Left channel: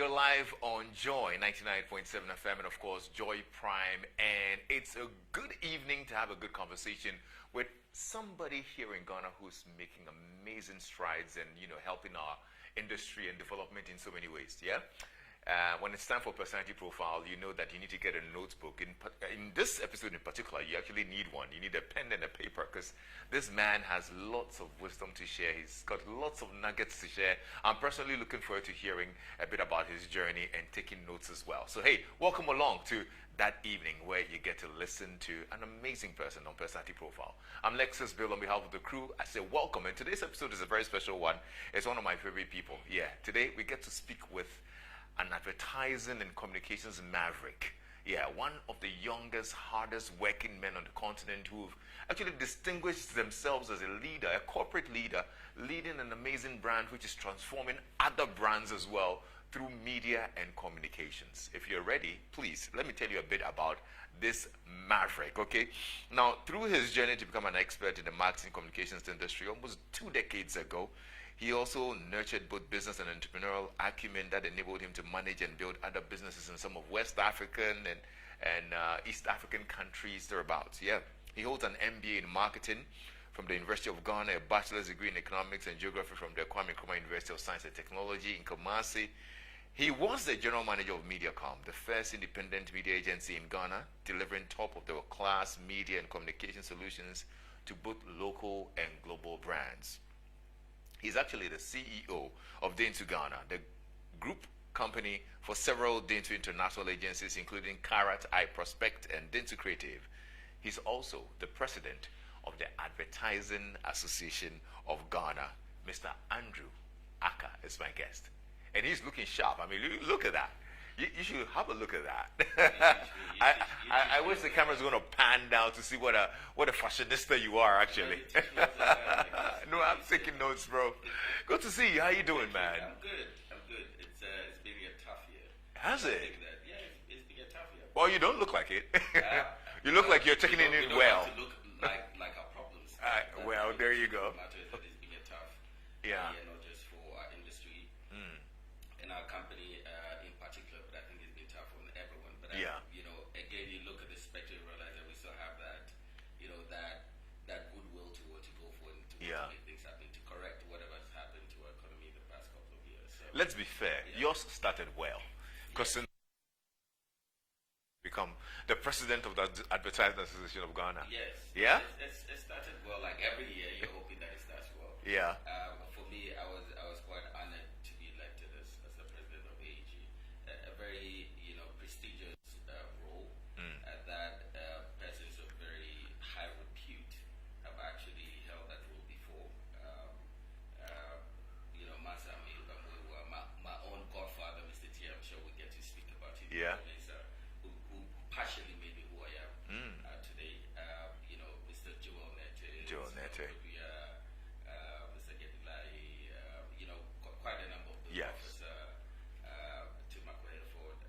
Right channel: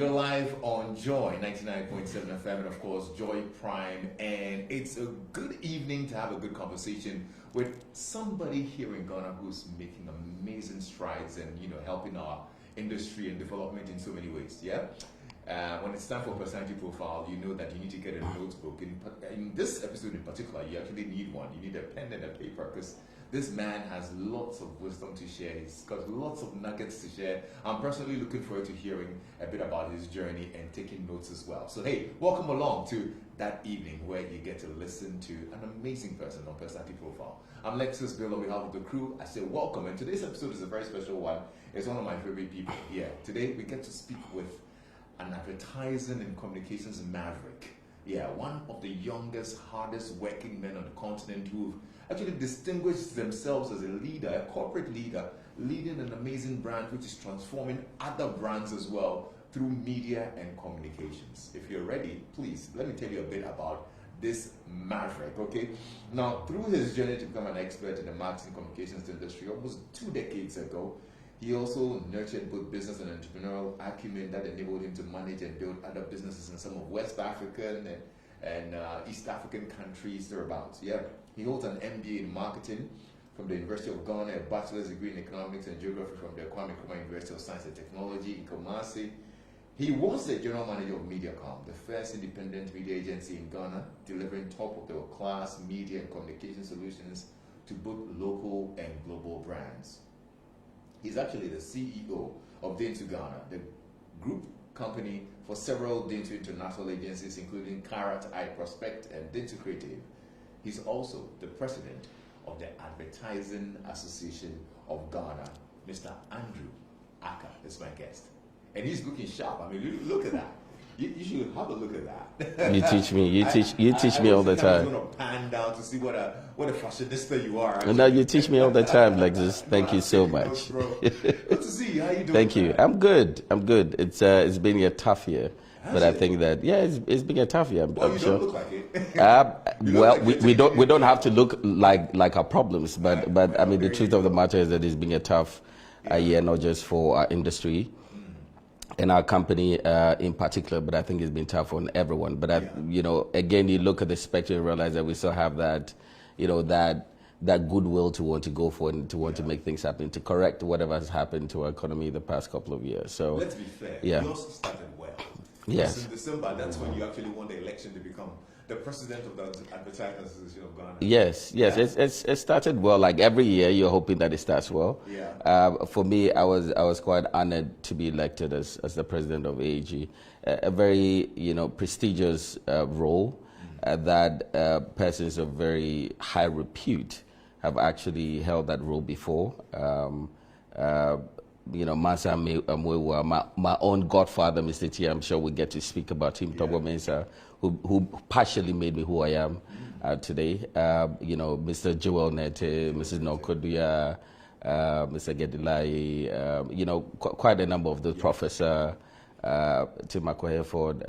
you're live on Joy 99.7 FM and of course Joy Prime, and it's a good evening to have a good conversation with somebody here in Ghana who's making amazing strides and helping our industry and development in so many ways. When it's time for personality profile, you know that you need to get a notebook. In this episode in particular, you actually need one. You need a pen and a paper because this man has lots of wisdom to share. He's got lots of nuggets to share. I'm personally looking forward to hearing a bit about his journey and taking notes as well. So hey, welcome along to that evening where you get to listen to an amazing person on Personality Profile. I'm Lexis Bill on behalf of the crew. I say welcome, and today's episode is a very special one. It's one of my favorite people. Today we get to speak with an advertising and communications maverick. One of the youngest, hardest working men on the continent who've actually distinguished themselves as a leader, a corporate leader, leading an amazing brand which is transforming other brands as well through media and communications. If you're ready, please, let me tell you a bit about this maverick, okay? Now, through his journey to become an expert in the marketing communications industry almost 2 decades ago, he also nurtured both business and entrepreneurial acumen that enabled him to manage and build other businesses in some of West African and East African countries thereabouts. He holds an MBA in marketing from the University of Ghana, a bachelor's degree in economics and geography from the Kwame Nkrumah University of Science and Technology in Kumasi. He was the general manager of MediaCom, the first independent media agency in Ghana, delivering top-of-the-class media and communication solutions to both local and global brands. He's actually the CEO of Dentsu Ghana, the group company for several Dentsu international agencies, including Karat, iProspect, and Dentsu Creative. He's also the president of the Advertising Association of Ghana. Mr. Andrew Ackah is my guest. And he's looking sharp. I mean, look at that. You should have a look at that. You teach me. You teach me all the time. I was going to pan down to see what a fashionista you are. Actually. No, you teach me all the time, like this. Thank you so much. Notes, bro. Good to see you. How you doing? Thank you. Man? I'm good. It's been a tough year. But I think that it's been a tough year. Well, you don't look like it. We don't have to look like our problems, but I mean the truth of the matter is that it's been a tough year, not just for our industry and our company in particular, but I think it's been tough on everyone. But again, you look at the spectrum and realize that we still have that, that goodwill to want to go for and to want to make things happen, to correct whatever has happened to our economy the past couple of years. So let's be fair. Yours started well. Yes. Because in December, that's when you actually won the election to become the president of the Advertising Association of Ghana. Yes. It started well. Like every year, you're hoping that it starts well. For me, I was quite honored to be elected as the president of AAG, a very prestigious role that persons of very high repute have actually held that role before. Mansa Mwewa, my own godfather, Mr. T, I'm sure we'll get to speak about him, Tobo Mensah, who partially made me who I am today. Mr. Joel Nete, Mrs. Nokoduya, Mr. Gedilai, quite a number of the Professor Tim Akweheford.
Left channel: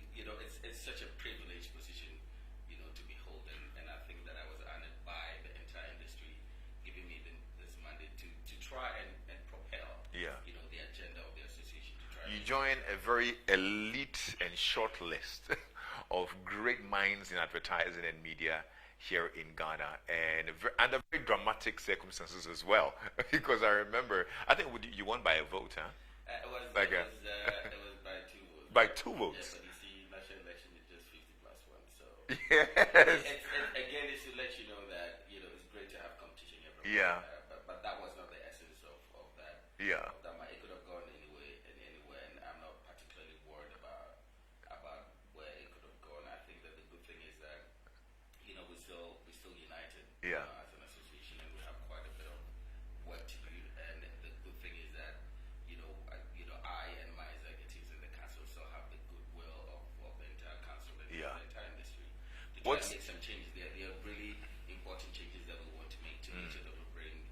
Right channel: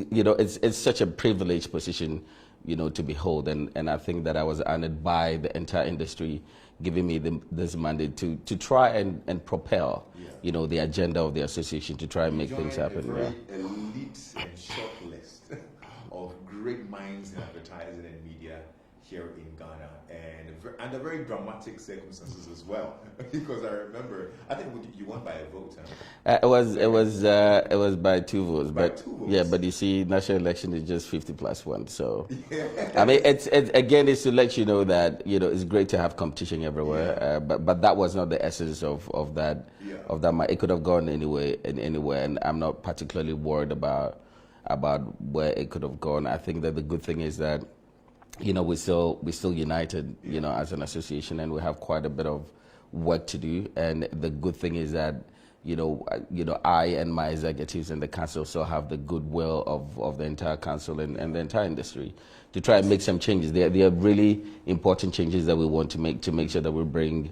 It's such a privileged position, to behold, and I think that I was honored by the entire industry giving me this mandate to try and propel, the agenda of the association to try and make things happen. A very elite and short list of great minds in advertising and media here in Ghana, and under very dramatic circumstances as well. Because I remember, I think you won by a vote. Huh? It was by 2 votes. By 2 votes. Yeah, but you see, national election is just 50+1. So I mean, it's to let you know that it's great to have competition everywhere. But that was not the essence of that. It could have gone anywhere, and I'm not particularly worried about where it could have gone. I think that the good thing is that we're still united, as an association, and we have quite a bit of work to do. And the good thing is that, I and my executives and the council still have the goodwill of the entire council and the entire industry to try and make some changes. There are really important changes that we want to make sure that we bring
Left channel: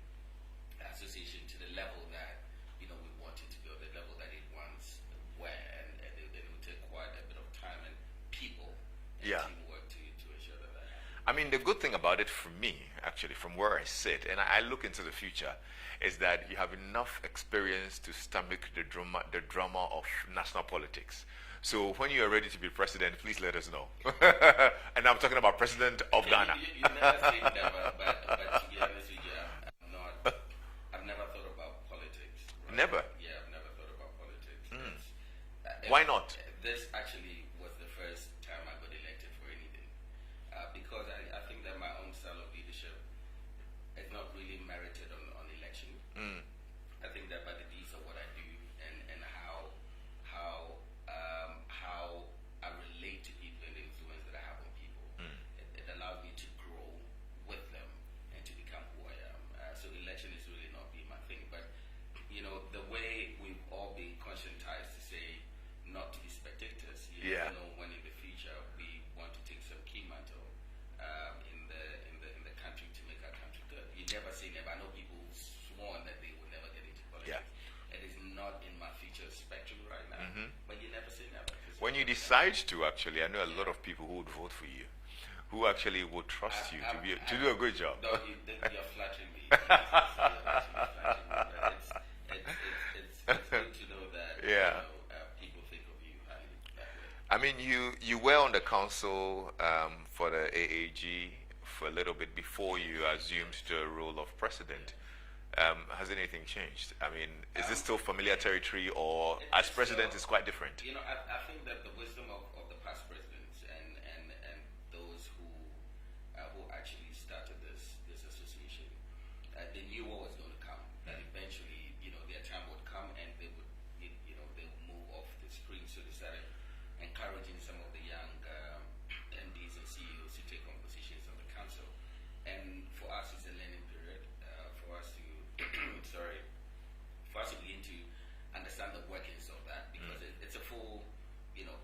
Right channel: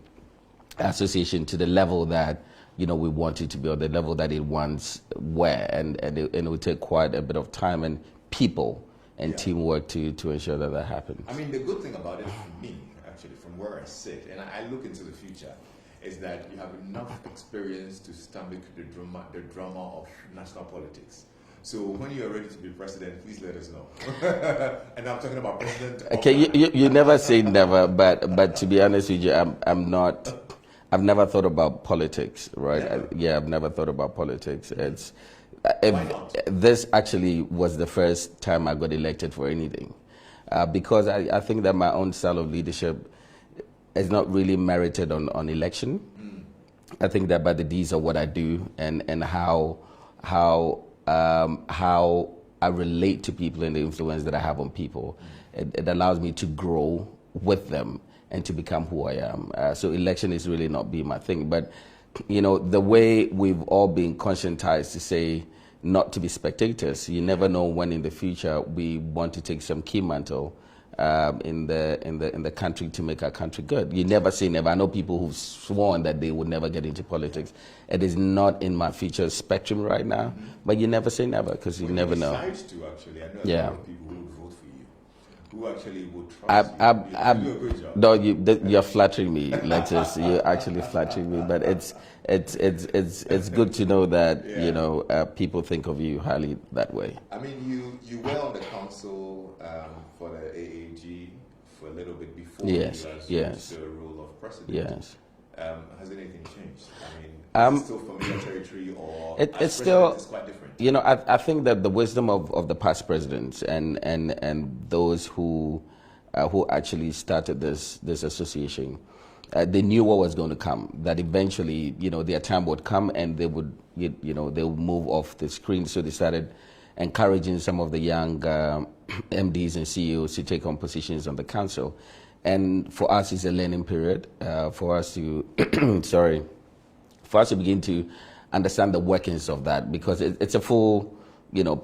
association to the level that we want it to be, or the level that it once were, and it will take quite a bit of time and people and teamwork to ensure that happens. I mean, the good thing about it for me, actually, from where I sit, and I look into the future, is that you have enough experience to stomach the drama of national politics. So when you are ready to be president, please let us know. And I'm talking about president of Okay, Ghana. you never say never, but to be honest with you, I'm not. I've never thought about politics, right? Never? Yeah, I've never thought about politics. It's Why not? This actually was the first time I got elected for anything, because I think that my own style of leadership is not really merited on election. I think that by the deeds of what I do and how I relate to people and the influence that I have on people, it allows me to grow with them and to become who I am. So election is really not being my thing. But, you know, the way we've all been conscientized to say not to be spectators, you never know when in the future we want to take some key mantle in the country to make our country good. You never say never. I know people who've sworn that they would never get into politics. It is not in my future spectrum right now, but you never say never because you never know. When you decide to, actually, I know a lot of people who would vote for you, who actually would trust you. You do a good job. No, you're flattering me, Lexis. You're actually flattering me, but it's good to know that you know people think of you highly that way. I mean, you were on the council for the AAG for a little bit before you assumed the role of president. Yes. Has anything changed? I mean, is it still familiar territory, or as president, still, it's quite different? You know, I think that the wisdom of the past presidents and those who actually started this association, they knew what was going to come. That eventually, you know, their time would come and they would, they would move off the screen. So they started encouraging some of the young MDs and CEOs to take on positions on the council. And for us, it's a learning period for us to, for us to begin to understand the workings of that, because it's a full,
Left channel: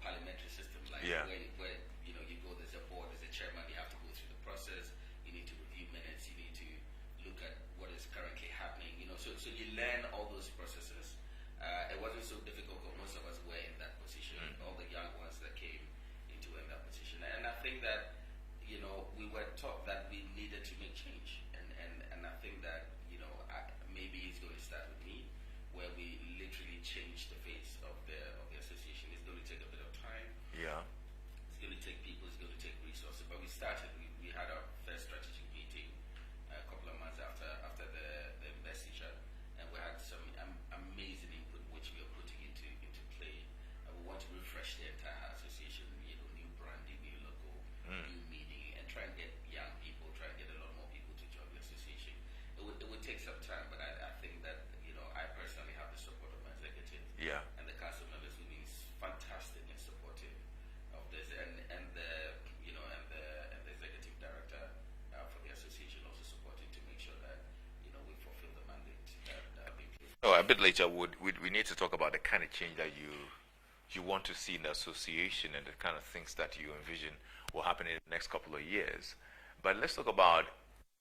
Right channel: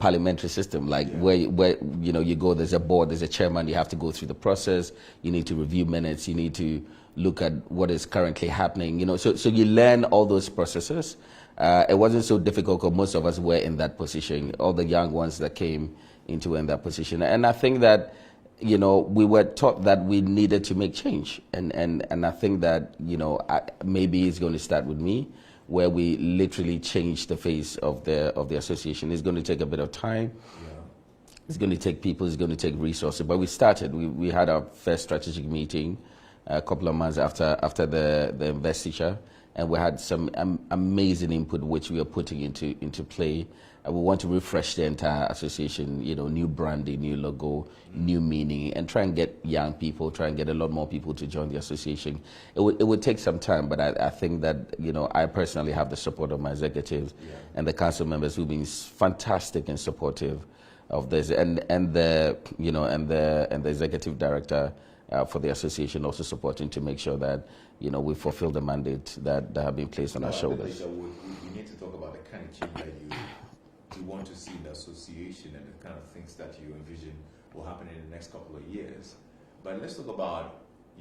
parliamentary system. Like where you go, there's a board, there's a chairman. You have to go through the process. You need to review minutes. You need to look at what is currently happening. So you learn all those processes. It wasn't so difficult because most of us were in that position. All the young ones that came into in that position, and I think that. We were taught that we needed to make change, and I think that maybe it's going to start with me, where we literally change the face of the association. It's going to take a bit of time. Yeah. It's going to take people. It's going to take resources. But we started. We had our first strategic meeting a couple of months after the investiture, and we had some amazing input which we are putting into play. We want to refresh the entire association, new branding, new logo, new meaning, and try and get young people, try and get a lot more people to join the association. It would take some time, but I think that, I personally have the support of my executives and the council members who've been fantastic and supportive of this, and the executive director for the association also supporting to make sure that we fulfill the mandate that have been placed on our shoulders. A bit later, we need to talk about the kind of change that you want to see in the association and the kind of things that you envision will happen in the next couple of years. But let's talk about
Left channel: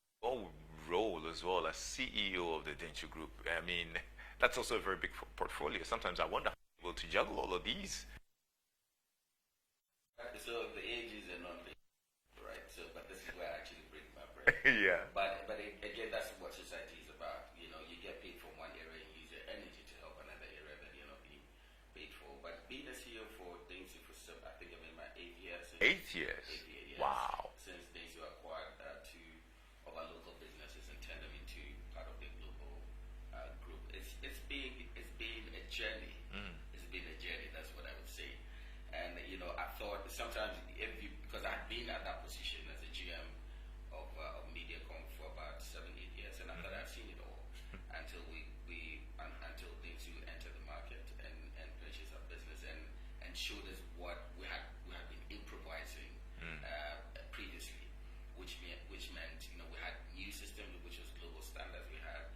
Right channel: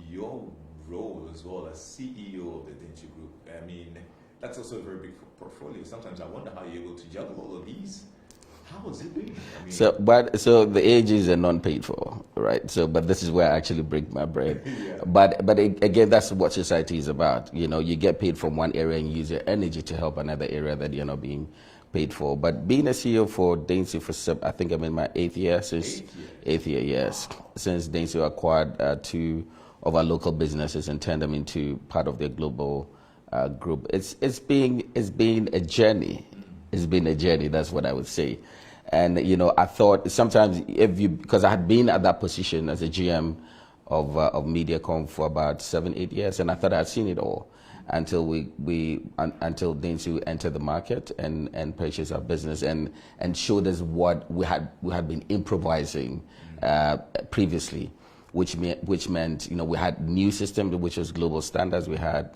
your role as well as CEO of the Dentsu Group. I mean, that's also a very big portfolio. Sometimes I wonder how you're able to juggle all of these. How is it doing? I mean, so the AGs are non-paid for, right? But this is where I actually break my bread. But again, that's what society is about. You get paid from one area and use your energy to help another area that you're not being paid for. But being a CEO for Dentsu I think I'm in my eighth year. Eighth year, yes. Wow. Since Dentsu acquired two of our local businesses and turned them into part of their global group. It's been a journey. It's been a journey. That's what I would say. And I thought sometimes because I had been at that position as a GM of MediaCom for about 7-8 years, and I thought I had seen it all. Until until Dentsu entered the market and purchased our business and showed us what we had been improvising previously, which meant we had new systems which was global standards. We had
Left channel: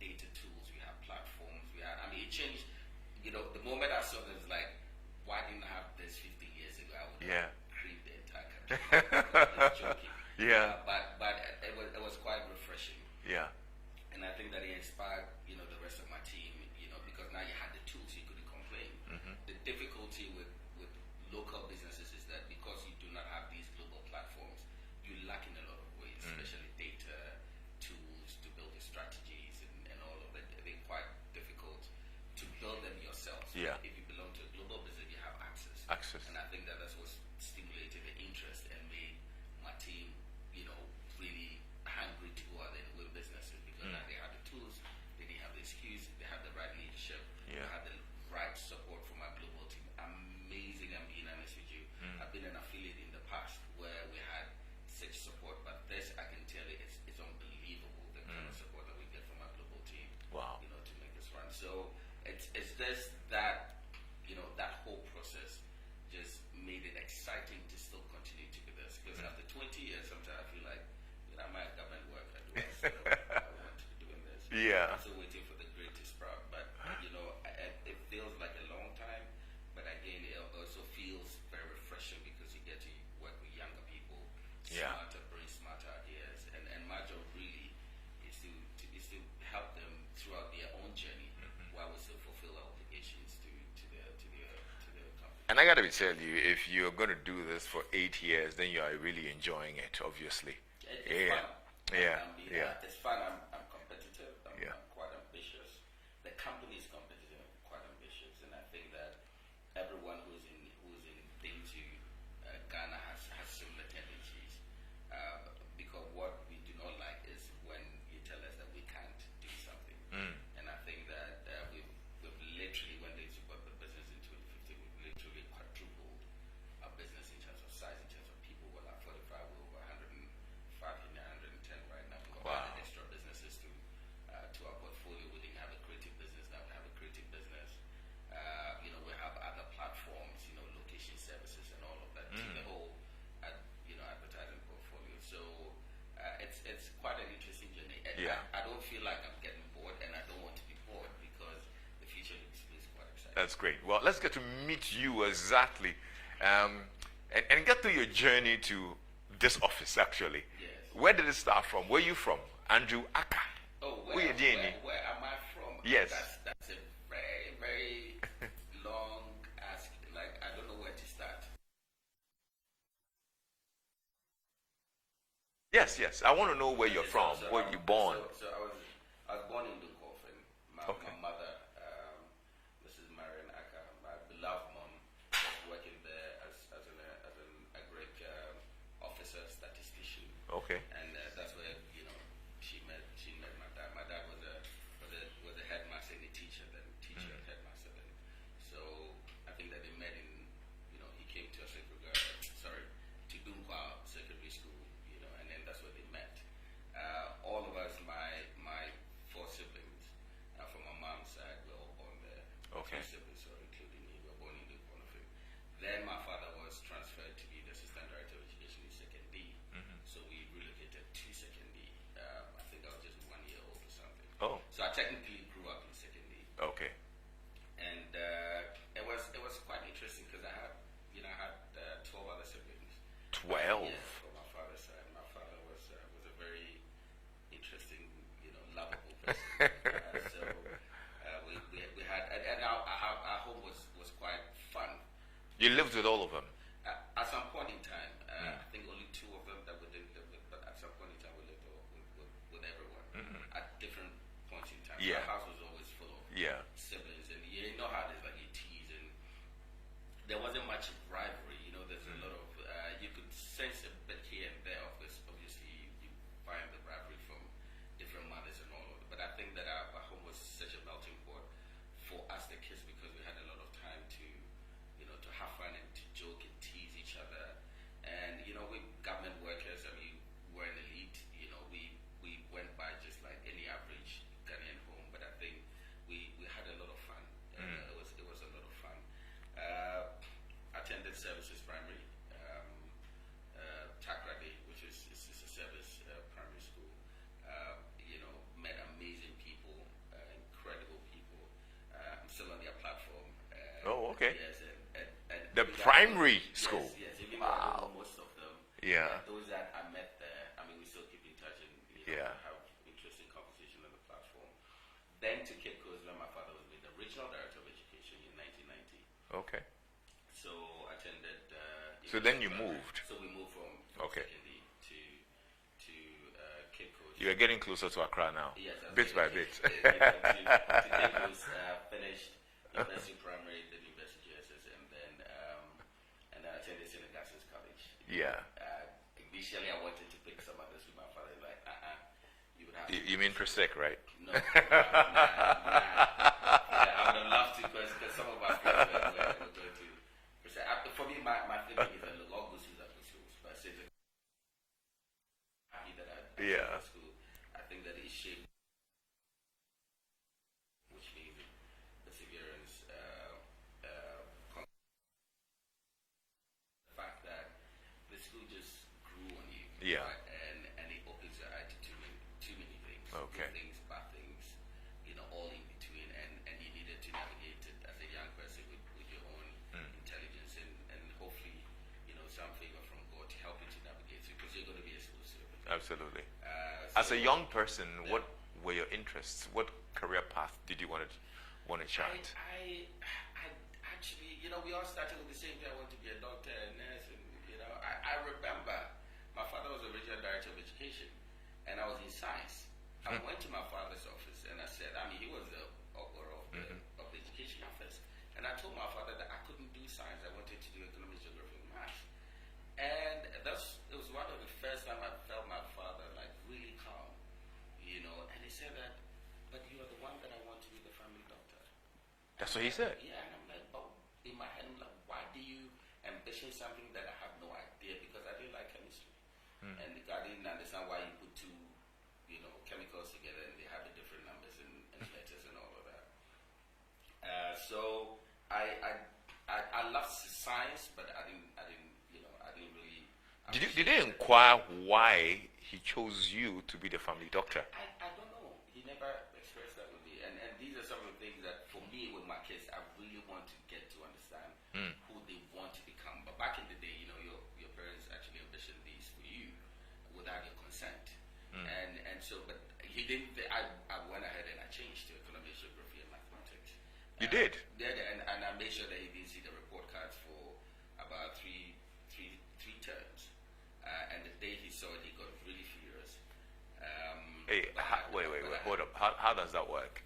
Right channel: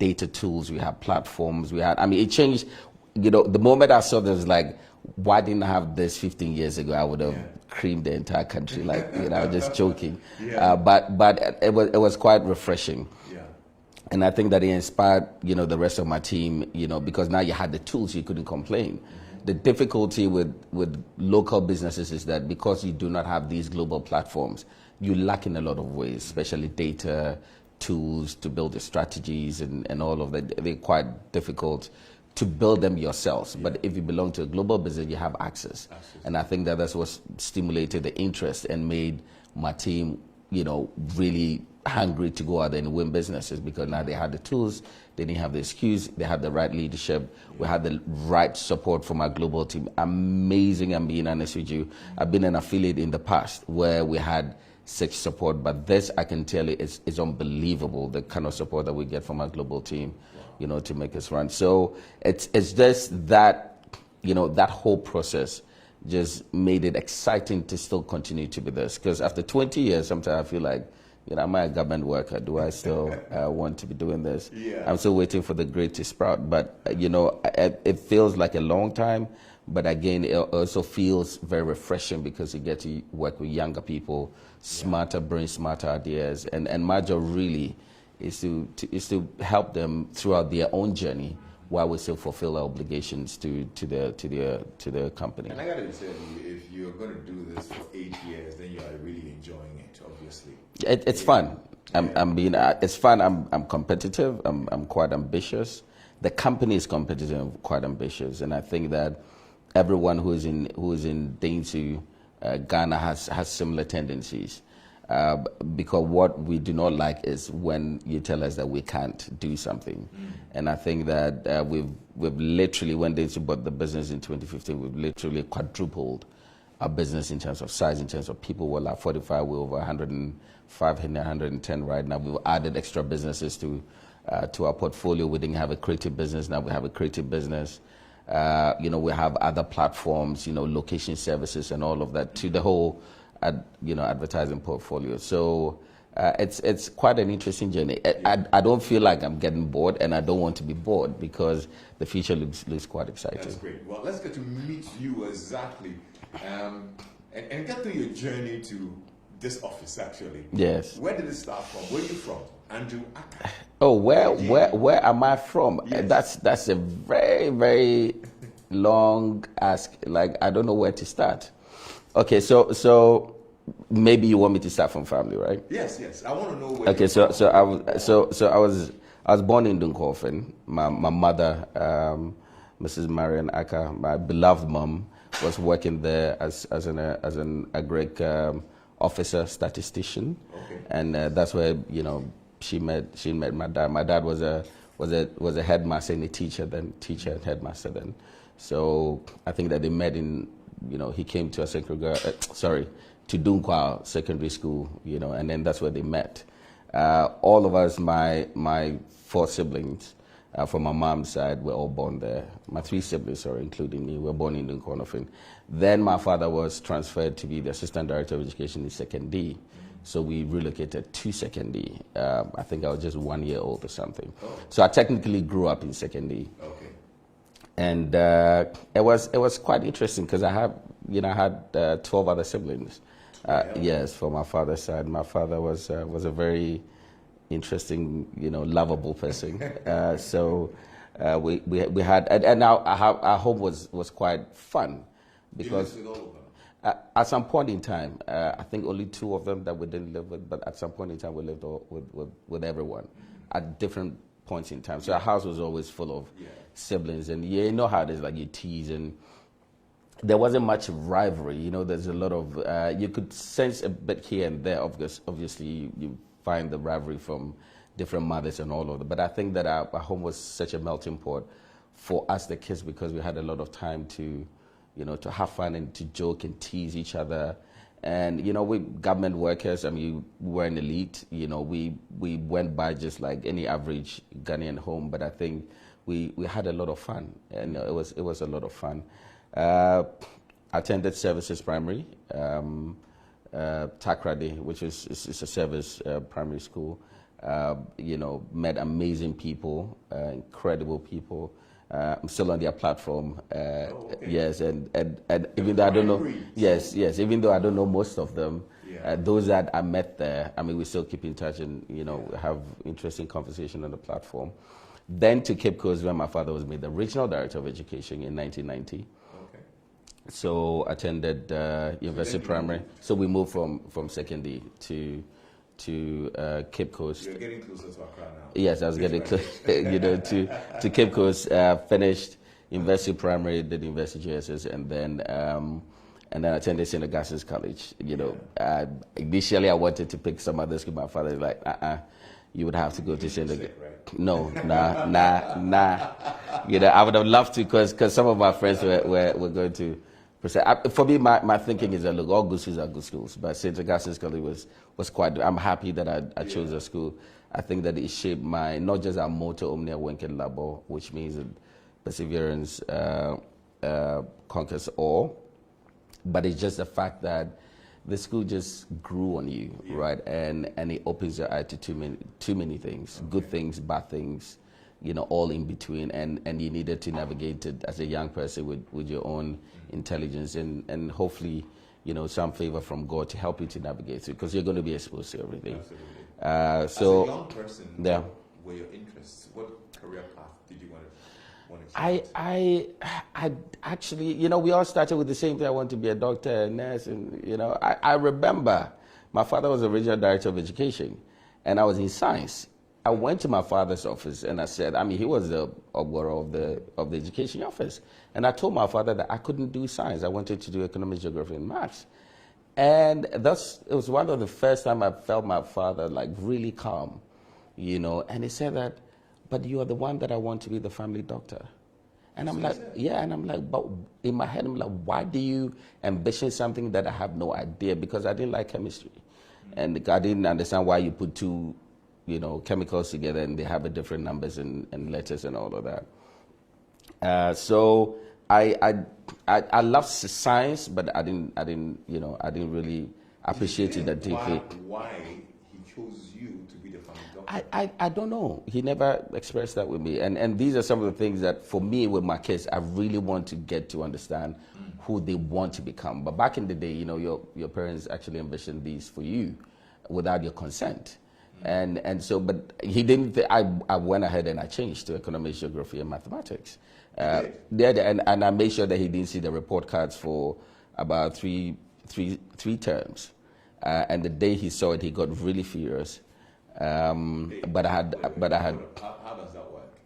data tools. We had platforms. It changed. The moment I saw this, like, why didn't I have this 15 years ago? I would have creamed the entire country. Like, just joking. But it was quite refreshing. Yeah. And I think that it inspired, the rest of my team, because now you had the tools, you couldn't complain. The difficulty with local businesses is that because you do not have these global platforms, you lack in a lot of ways, especially data, tools to build the strategies and all of that. They're quite difficult to build them yourselves. But if you belong to a global business, you have access. And I think that's what stimulated the interest and made my team, really hungry to go out there and win businesses, because now they had the tools, they didn't have the excuse, they had the right leadership, we had the right support from our global team. Amazing, I'm being honest with you. I've been an affiliate in the past where we had such support, but this, I can tell you, is unbelievable, the kind of support that we get from our global team, to make us run. So it's just that, that whole process just made it exciting to still continue to be this. Because after 20 years, sometimes I feel like, am I a government worker? Do I still want to be doing this? I'm still waiting for the grape to sprout. But, it feels like a long time. But again, it also feels very refreshing because you get to work with younger people, smarter brains, smarter ideas. And my job really is to help them throughout their own journey, while we still fulfill our obligations to the company. And I gotta be telling you, if you're gonna do this for 8 years, then you are really enjoying it, obviously. It's fun. It's fun. I'm competitive. I'm quite ambitious. The company is competitive and quite ambitious, and I think that everyone who is in Dentsu Ghana has similar tendencies. Because what we do not like is when you tell us that we can't do something. And I think that we've literally, when Dentsu bought the business in 2015, we've literally quadrupled our business in terms of size, in terms of people. We're like 45, we're over 105, 110 right now. We've added extra businesses to our portfolio. We didn't have a creative business, now we have a creative business. We have other platforms, location services and all of that to the whole advertising portfolio. So it's quite an interesting journey. I don't feel like I'm getting bored, and I don't want to be bored because the future looks quite exciting. That's great. Well, let's get to meet you exactly, and get to your journey to this office. Actually, yes. Where did it start from? Where are you from, Andrew Ackah? Oh, where am I from? Yes. That's a very, very long ask. Like, I don't know where to start. Okay, so maybe you want me to start from family, right? Yes. I want to know where you're from. I was born in Dunkofen. My mother, Mrs. Marian Ackah, my beloved mom, was working there as an agric officer, statistician. Okay. And that's where she met my dad. My dad was a headmaster and a teacher and headmaster then. So I think that they met in. He came to to Dunkwa Secondary School, and then that's where they met. All of us, my 4 siblings from my mom's side, were all born there. My 3 siblings, including me, were born in Dunkwa. Then my father was transferred to be the Assistant Director of Education in Second D. So we relocated to Second D. I think I was just 1 year old or something. Oh. So I technically grew up in Second D. Okay. And it was quite interesting because I had 12 other siblings. 12? Yes, for my father's side. My father was a very interesting, lovable person. So we had, and our home was quite fun. You lived with all of them? At some point in time, I think only 2 of them that we didn't live with, but at some point in time we lived with everyone at different points in time. So our house was always full of siblings, and you know how it is, like you tease, and there wasn't much rivalry. There's a lot of you could sense a bit here and there. Obviously, you find the rivalry from different mothers and all of that. But I think that our home was such a melting pot for us, the kids, because we had a lot of time to have fun and to joke and tease each other. And, we government workers, we were an elite, we went by just like any average Ghanaian home, but I think we had a lot of fun, and it was a lot of fun. Attended Services Primary, Takrady, which is a service primary school. Met amazing people, incredible people. I'm still on their platform. Okay. Yes, and even though I don't know, yes, even though I don't know most of them, those that I met there, we still keep in touch and have interesting conversation on the platform. Then to Cape Coast, where my father was made the regional director of education in 1990. Okay. So attended University Primary. So we moved from Second D to to Cape Coast. You're getting closer to Accra now. Yes, I was getting to Cape Coast. Finished University Primary, did University JSS, and then attended St. Augustine's College. Initially I wanted to pick some other school. My father was like, you would have to go to St. Sick, right? No, nah. I would have loved to, because some of my friends were going to. For me, my thinking is that, look, all good schools are good schools, but St. Augustine's College was quite. I'm happy that I chose a school. I think that it shaped my, not just our motto, Omnia Wenken Labor, which means that perseverance conquers all, but it's just the fact that the school just grew on you, right? And it opens your eye to too many things, good things, bad things, all in between, and you needed to navigate it as a young person with your own intelligence and hopefully, some favor from God to help you to navigate it, because you're going to be exposed to everything. Absolutely. As a young person, what were your interests? What career path did you want to chart? I actually, we all started with the same thing. I want to be a doctor, a nurse, and I remember my father was the regional director of education, and I was in science. I went to my father's office and I said, he was the obgoro of the education office, and I told my father that I couldn't do science. I wanted to do economics, geography, and maths. And it was one of the first time I felt my father like really calm, and he said that, but you are the one that I want to be the family doctor. And I'm like, and I'm like, but in my head, I'm like, why do you ambition something that I have no idea? Because I didn't like chemistry. And I didn't understand why you put two, chemicals together and they have a different numbers and letters and all of that. So I love science, but I didn't really appreciate it. Why he chose you to be the family doctor? I don't know. He never expressed that with me. And these are some of the things that, for me, with my kids, I really want to get to understand who they want to become. But back in the day, your parents actually envisioned these for you without your consent. And so, but he didn't. I went ahead and I changed to economics, geography, and mathematics. You did? And I made sure that he didn't see the report cards for about three terms. And the day he saw it, he got really furious. How does that work?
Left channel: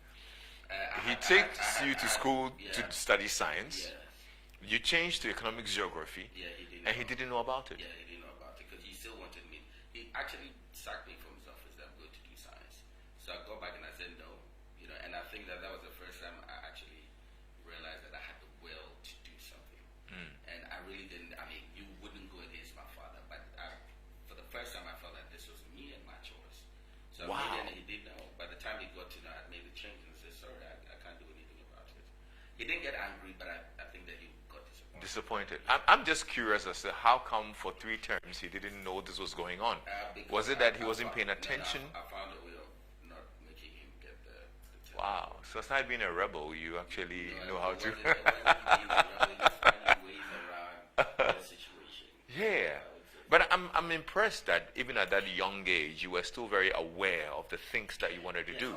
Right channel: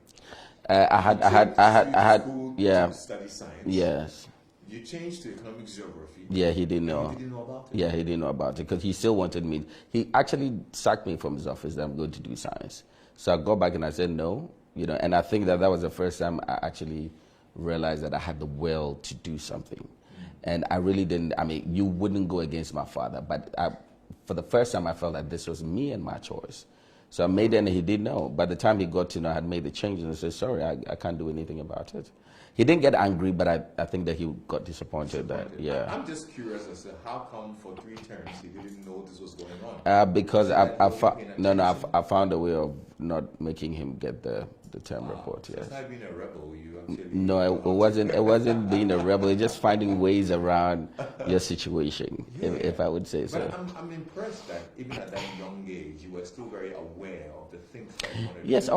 I had school to study science. Yes. You changed to economics, geography. Yeah, he didn't know. And he didn't know about it? Yeah, he didn't know about it because he still wanted me. He actually sacked me from his office that I'm going to do science. So I got back and I said no, and I think that was the first time I actually realized that I had the will to do something. And I really didn't, you wouldn't go against my father, but for the first time I felt that this was me and my choice. So I made it and he didn't know. By the time he got to know I had made the change and I said, sorry, I can't do anything about it. He didn't get angry, but I think that he got disappointed. I'm just curious as to how come for 3 terms he didn't know this was going on? Because I found a way of not making him get the term report. So it's not being a rebel, you actually... No, it wasn't being a rebel. It's just finding ways around your situation, if I would say so. But I'm impressed that even at that young age, you were still very aware of the things that you wanted to do. Yes,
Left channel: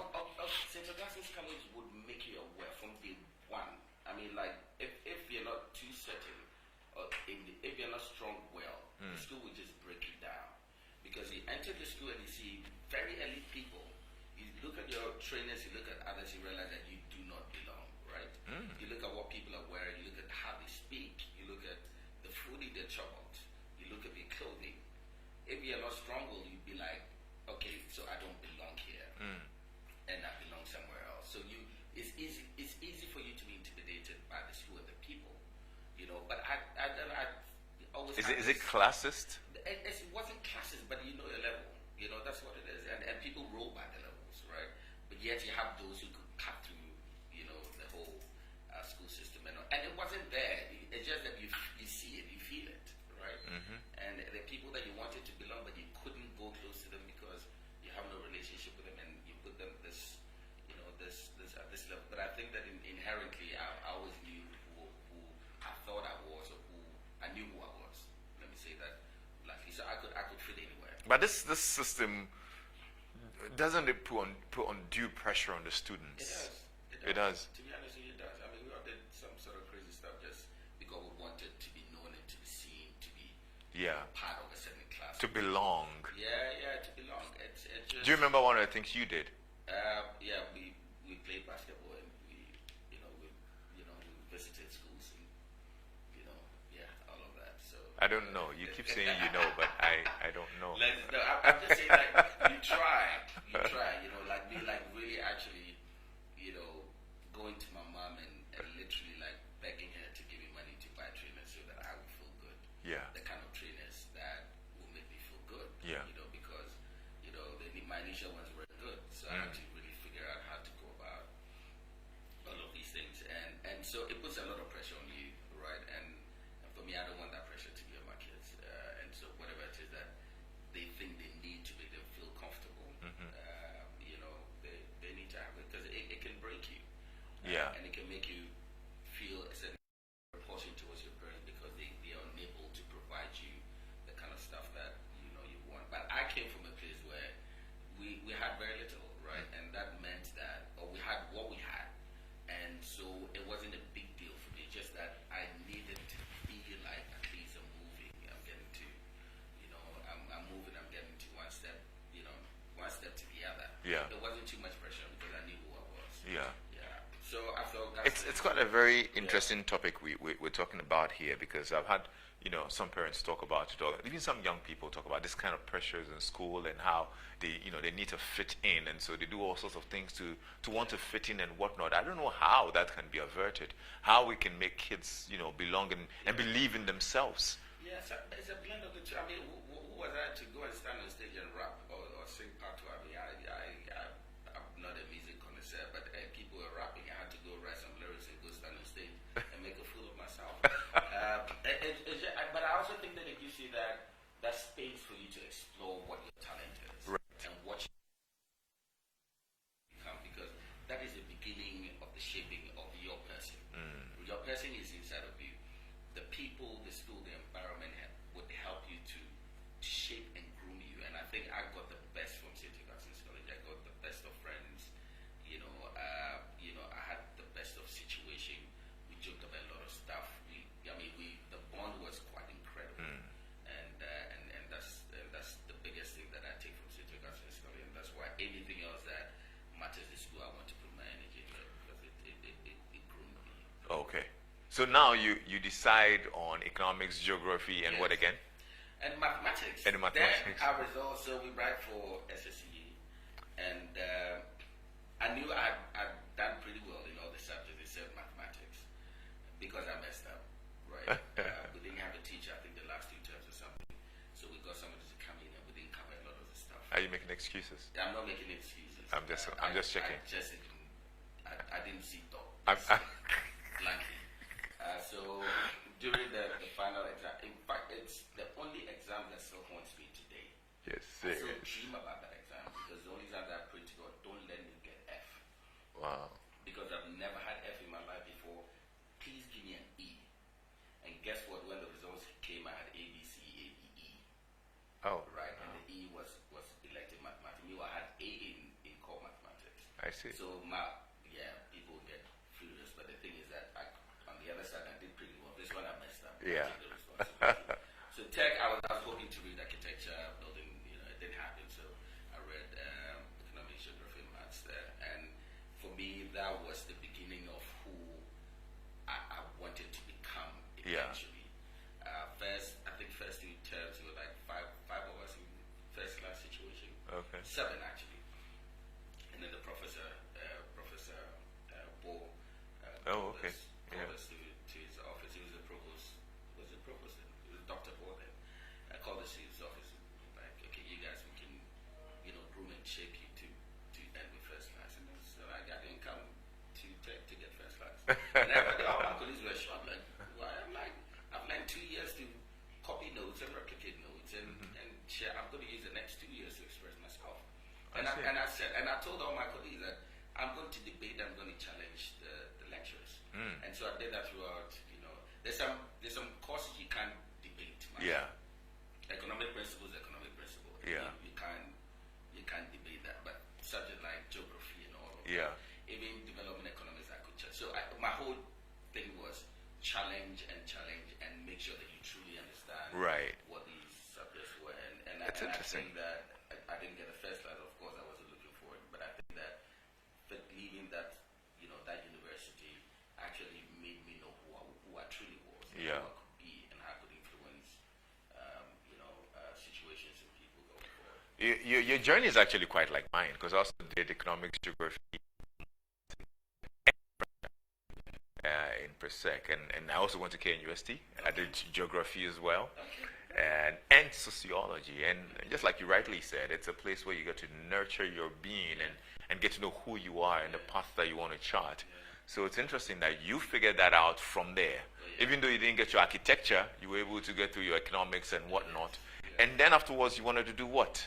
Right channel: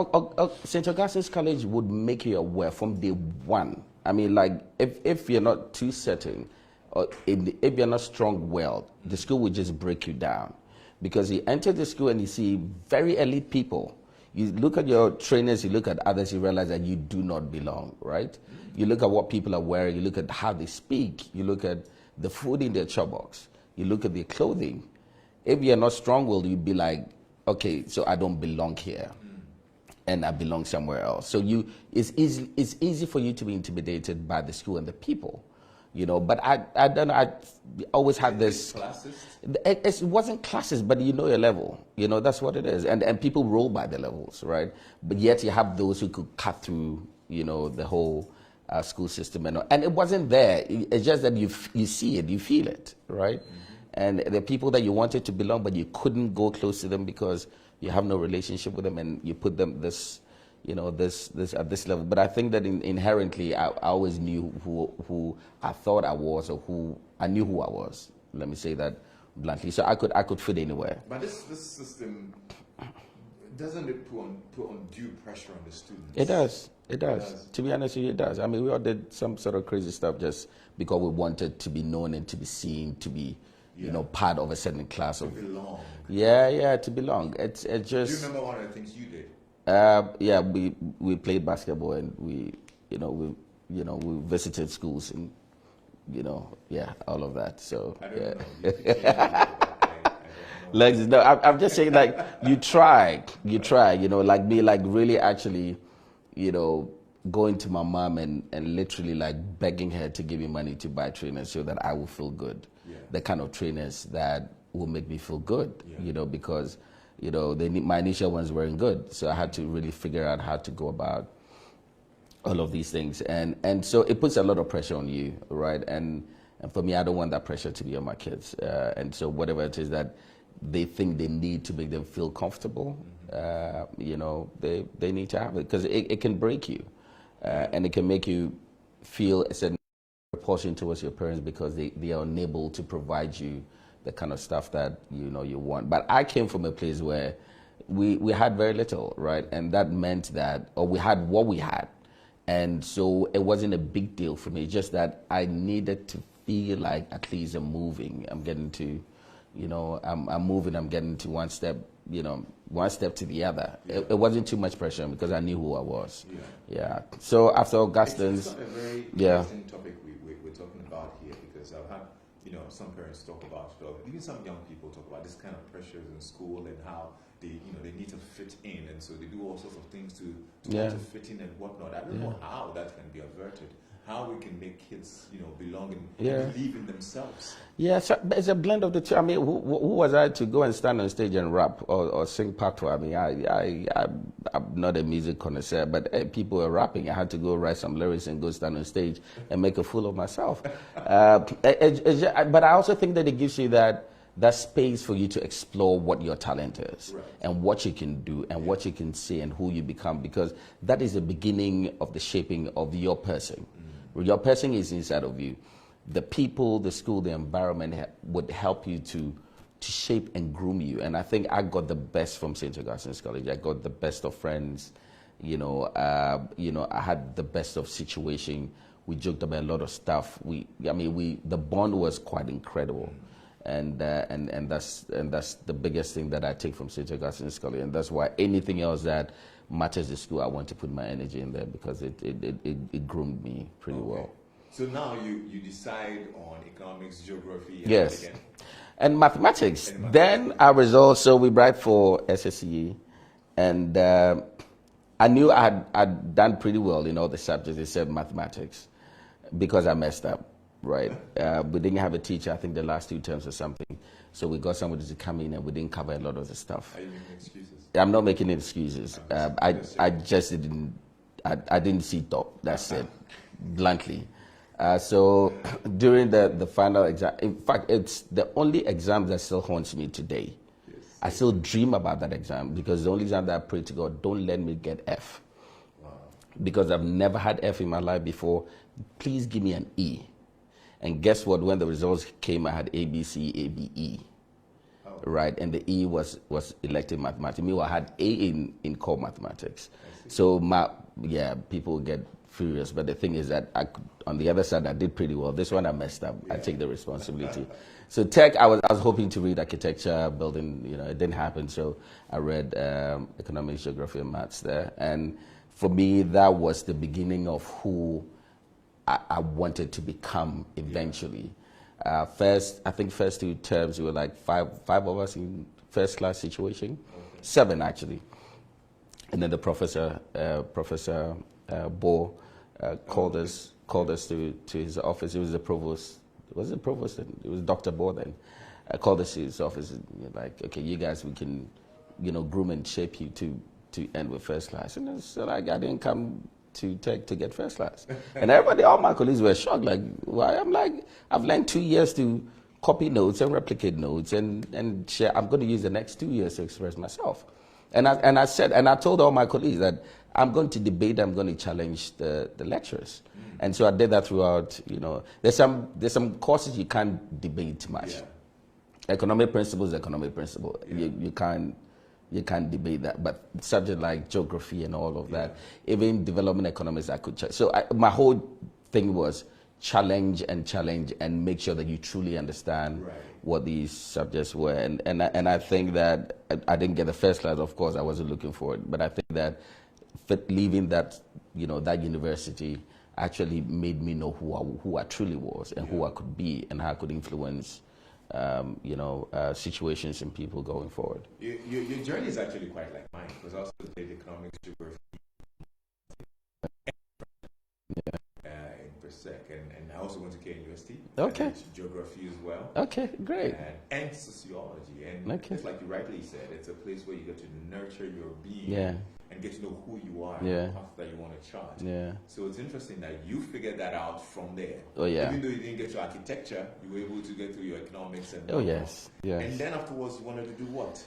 St. Augustine's College would make you aware from day one. If you're not too certain, or if you're not strong-willed, the school would just break you down. Because you enter the school and you see very elite people. You look at your trainers, you look at others, you realize that you do not belong, right? You look at what people are wearing, you look at how they speak, you look at the food in their chop box, you look at their clothing. If you're not strong-willed, you'd be like, okay, so I don't belong here, and I belong somewhere else. So it's easy for you to be intimidated by the school and the people, But I don't know. I always had this. Is it classist? It wasn't classist, but you know your level. That's what it is, and people roll by the levels, right? But yet you have those who could cut through, the whole school system, and it wasn't there. It's just that you see it, you feel it, right? And the people that you wanted to belong, but you couldn't go close to them because you have no relationship with them, and you put them this at this level. But I think that inherently, I always knew who I thought I was, or I knew who I was. Let me say that bluntly. So I could fit anywhere. But this system doesn't it put undue pressure on the students? It does. It does. To be honest with you, it does. We all did some sort of crazy stuff just because we wanted to be known and to be seen, to be you know, part of a certain class. To belong. Yeah, to belong. It's just. Do you remember one of the things you did? Yeah, we played basketball, and we visited schools, and all of that. So I don't know. You keep saying you know, but I don't know. Lexis, no, I'm just saying, like, you try, like me, like really actually, going to my mom and literally like begging her to give me money to buy trainers so that I will feel good. Yeah. The kind of trainers that will make me feel good. Yeah. Because my initial ones weren't good, so I had to really figure out how to go about all of these things, and so it puts a lot of pressure on you, right? And for me, I don't want that pressure to be on my kids, and so whatever it is that they think they need to make them feel comfortable, they need to have it, because it can break you, and it can make you feel a certain repulsion towards your parents because they are unable to provide you the kind of stuff that you want. But I came from a place where we had very little, right? And that meant that, or we had what we had. And so it wasn't a big deal for me. It's just that I needed to feel like at least I'm moving. I'm getting to, I'm moving. I'm getting to one step to the other. Yeah. It wasn't too much pressure because I knew who I was. Yeah. So after Augustine's, it's got a very interesting topic we're talking about here, because I've had some parents talk about it, or even some young people talk about this kind of pressures in school and how they need to fit in, and so they do all sorts of things to want to fit in and whatnot. I don't know how that can be averted, how we can make kids belong and believe in themselves. Yeah, so it's a blend of the two. I mean, who was I to go and stand on stage and rap or sing patois? I mean, I'm not a music connoisseur, but people were rapping. I had to go write some lyrics and go stand on stage and make a fool of myself. But I also think that it gives you that space for you to explore what your talent is, right, and what you can do and what you can say and who you become, because that is the beginning of the shaping of your person. Your person is inside of you. The people, the school, the environment would help you to shape and groom you. And I think I got the best from St. Augustine's College. I got the best of friends. I had the best of situation. We joked about a lot of stuff. The bond was quite incredible. And that's the biggest thing that I take from St. Augustine's College, and that's why anything else that matters in school, I want to put my energy in there, because it groomed me pretty well. So now you decide on economics, geography, and what again? And mathematics. Then our results. So we write for SSCE, and I knew I'd done pretty well in all the subjects except mathematics, because I messed up. Right. We didn't have a teacher, I think, the last 2 terms or something. So we got somebody to come in, and we didn't cover a lot of the stuff. Are you making excuses? I'm not making excuses. I just didn't see top. That's it, bluntly. So during the final exam, in fact, it's the only exam that still haunts me today. Yes. I still dream about that exam, because the only exam that I pray to God, don't let me get F. Wow. Because I've never had F in my life before. Please give me an E. And guess what? When the results came, I had A, B, C, A, B, E. Oh. Right, and the E was elective mathematics. Meanwhile, I had A in core mathematics. I see. So people get furious. But the thing is that on the other side, I did pretty well. This one I messed up. I take the responsibility. So tech, I was hoping to read architecture, building. It didn't happen. So I read economics, geography, and maths there. And for me, that was the beginning of who I wanted to become eventually. First 2 terms, we were like five of us in first class situation. Okay. 7 actually. And then the professor Bo called us to his office. It was the provost. Was it provost? It was Dr. Bo then. Called us to his office, and like, okay, you guys, we can, groom and shape you to end with first class. And so like, I didn't come to tech to get first class. And everybody, all my colleagues were shocked. Like, why? I'm like, I've learned 2 years to copy notes and replicate notes and share. I'm going to use the next 2 years to express myself. And I told all my colleagues that I'm going to debate, I'm going to challenge the lecturers. And so I did that throughout. There's some courses you can't debate much. Yeah. Economic principle is economic principle. Yeah. You can't debate that. But subject like geography and all of that, even development economics, I could check. So my whole thing was, challenge and make sure that you truly understand what these subjects were. And I think that I didn't get the first class, of course, I wasn't looking for it, but I think that leaving that, that university actually made me know who I truly was and who I could be and how I could influence situations and people going forward. Your journey is actually quite like mine, because I also did economics, geography, in Persec, and I also went to KNUST. I did geography as well. Okay, great. And sociology, and just like you rightly said, it's a place where you get to nurture your being and get to know who you are and the path that you want to chart. So it's interesting that you figured that out from there. Even though you didn't get your architecture, you were able to get through your economics and whatnot. And then afterwards, you wanted to do what?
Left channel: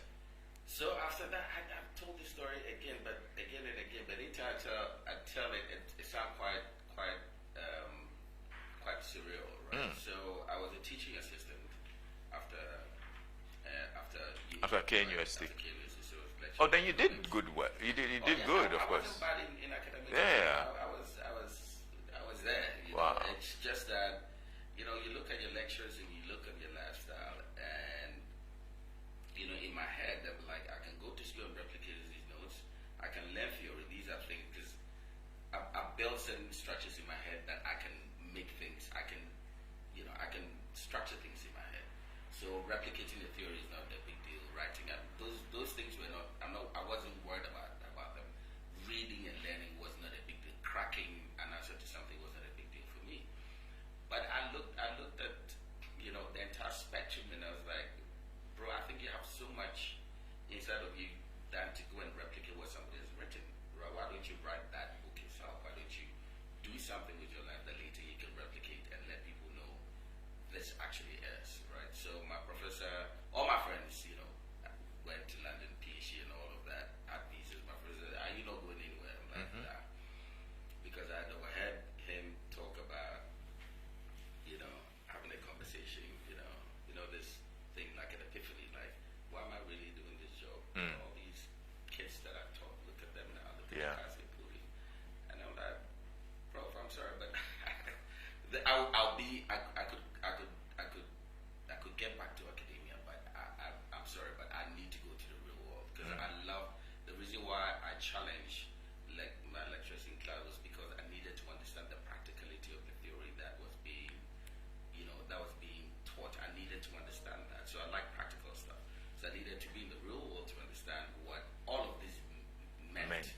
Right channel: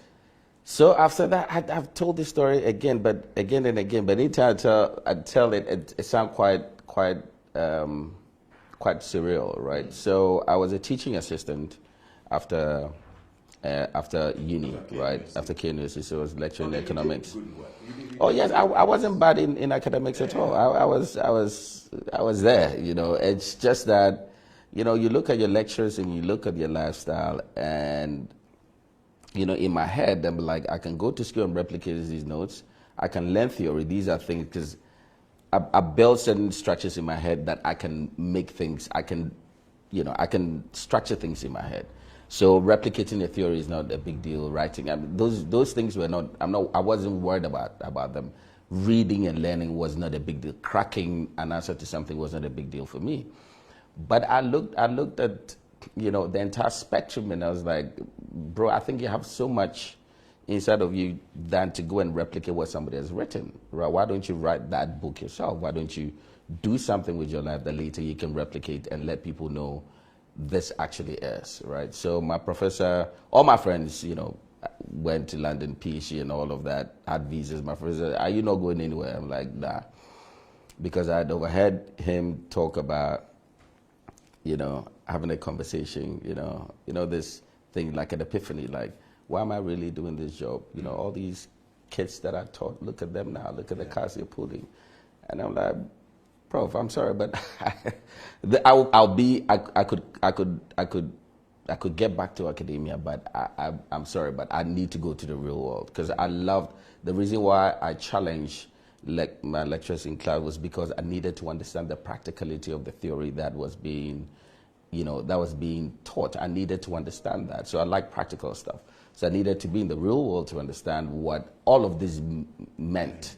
So after that, I've told this story again and again. But anytime I tell it, it sounds quite surreal, right? So I was a teaching assistant after uni, right? After KNUST, so I was lecturing economics. You did good work. Yes, I wasn't bad in academics at all. I was there. It's just that, you look at your lectures and you look at your lifestyle, and in my head, I'm like, I can go to school and replicate these notes. I can learn theory. These are things, because I built certain structures in my head that I can make things. I can structure things in my head. So replicating a theory is not a big deal. Writing, those things were not. I wasn't worried about them. Reading and learning was not a big deal. Cracking an answer to something was not a big deal for me. But I looked at the entire spectrum, and I was like, bro, I think you have so much inside of you than to go and replicate what somebody has written, right? Why don't you write that book yourself? Why don't you do something with your life that later you can replicate and let people know this actually is, right? So my professor, all my friends, went to London, PhD and all of that, had visas. My professor, are you not going anywhere? I'm like, nah. Because I had overheard him talk about, having a conversation, this thing like an epiphany, like, why am I really doing this job? All these kids that I taught, look at them now, look at the cars they're pulling. And I'm like, Prof, I'm sorry, but I could get back to academia, but I'm sorry, but I need to go to the real world, because the reason why I challenged my lecturers in class was because I needed to understand the practicality of the theory that was being taught. I needed to understand that. So I like practical stuff. So I needed to be in the real world to understand what all of this meant.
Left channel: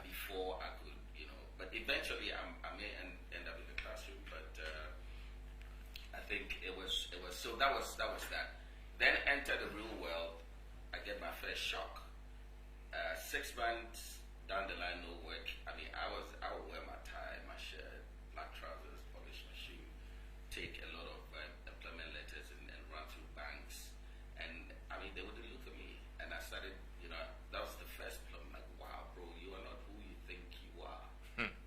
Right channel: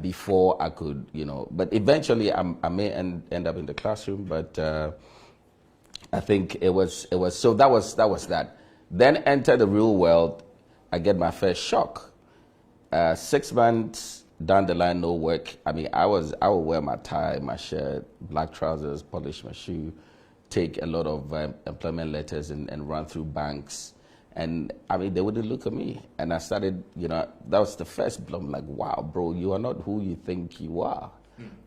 Before I could, but eventually I may end up in the classroom, but I think it was, so that was that. Then enter the real world, I get my first shock. 6 months down the line, no work. I mean, I would wear my tie, my shirt, black trousers, polish my shoe, take a lot of employment letters and run through banks. And I mean, they wouldn't look at me. And I started, that was the first blow. I'm like, wow, bro, you are not who you think you are,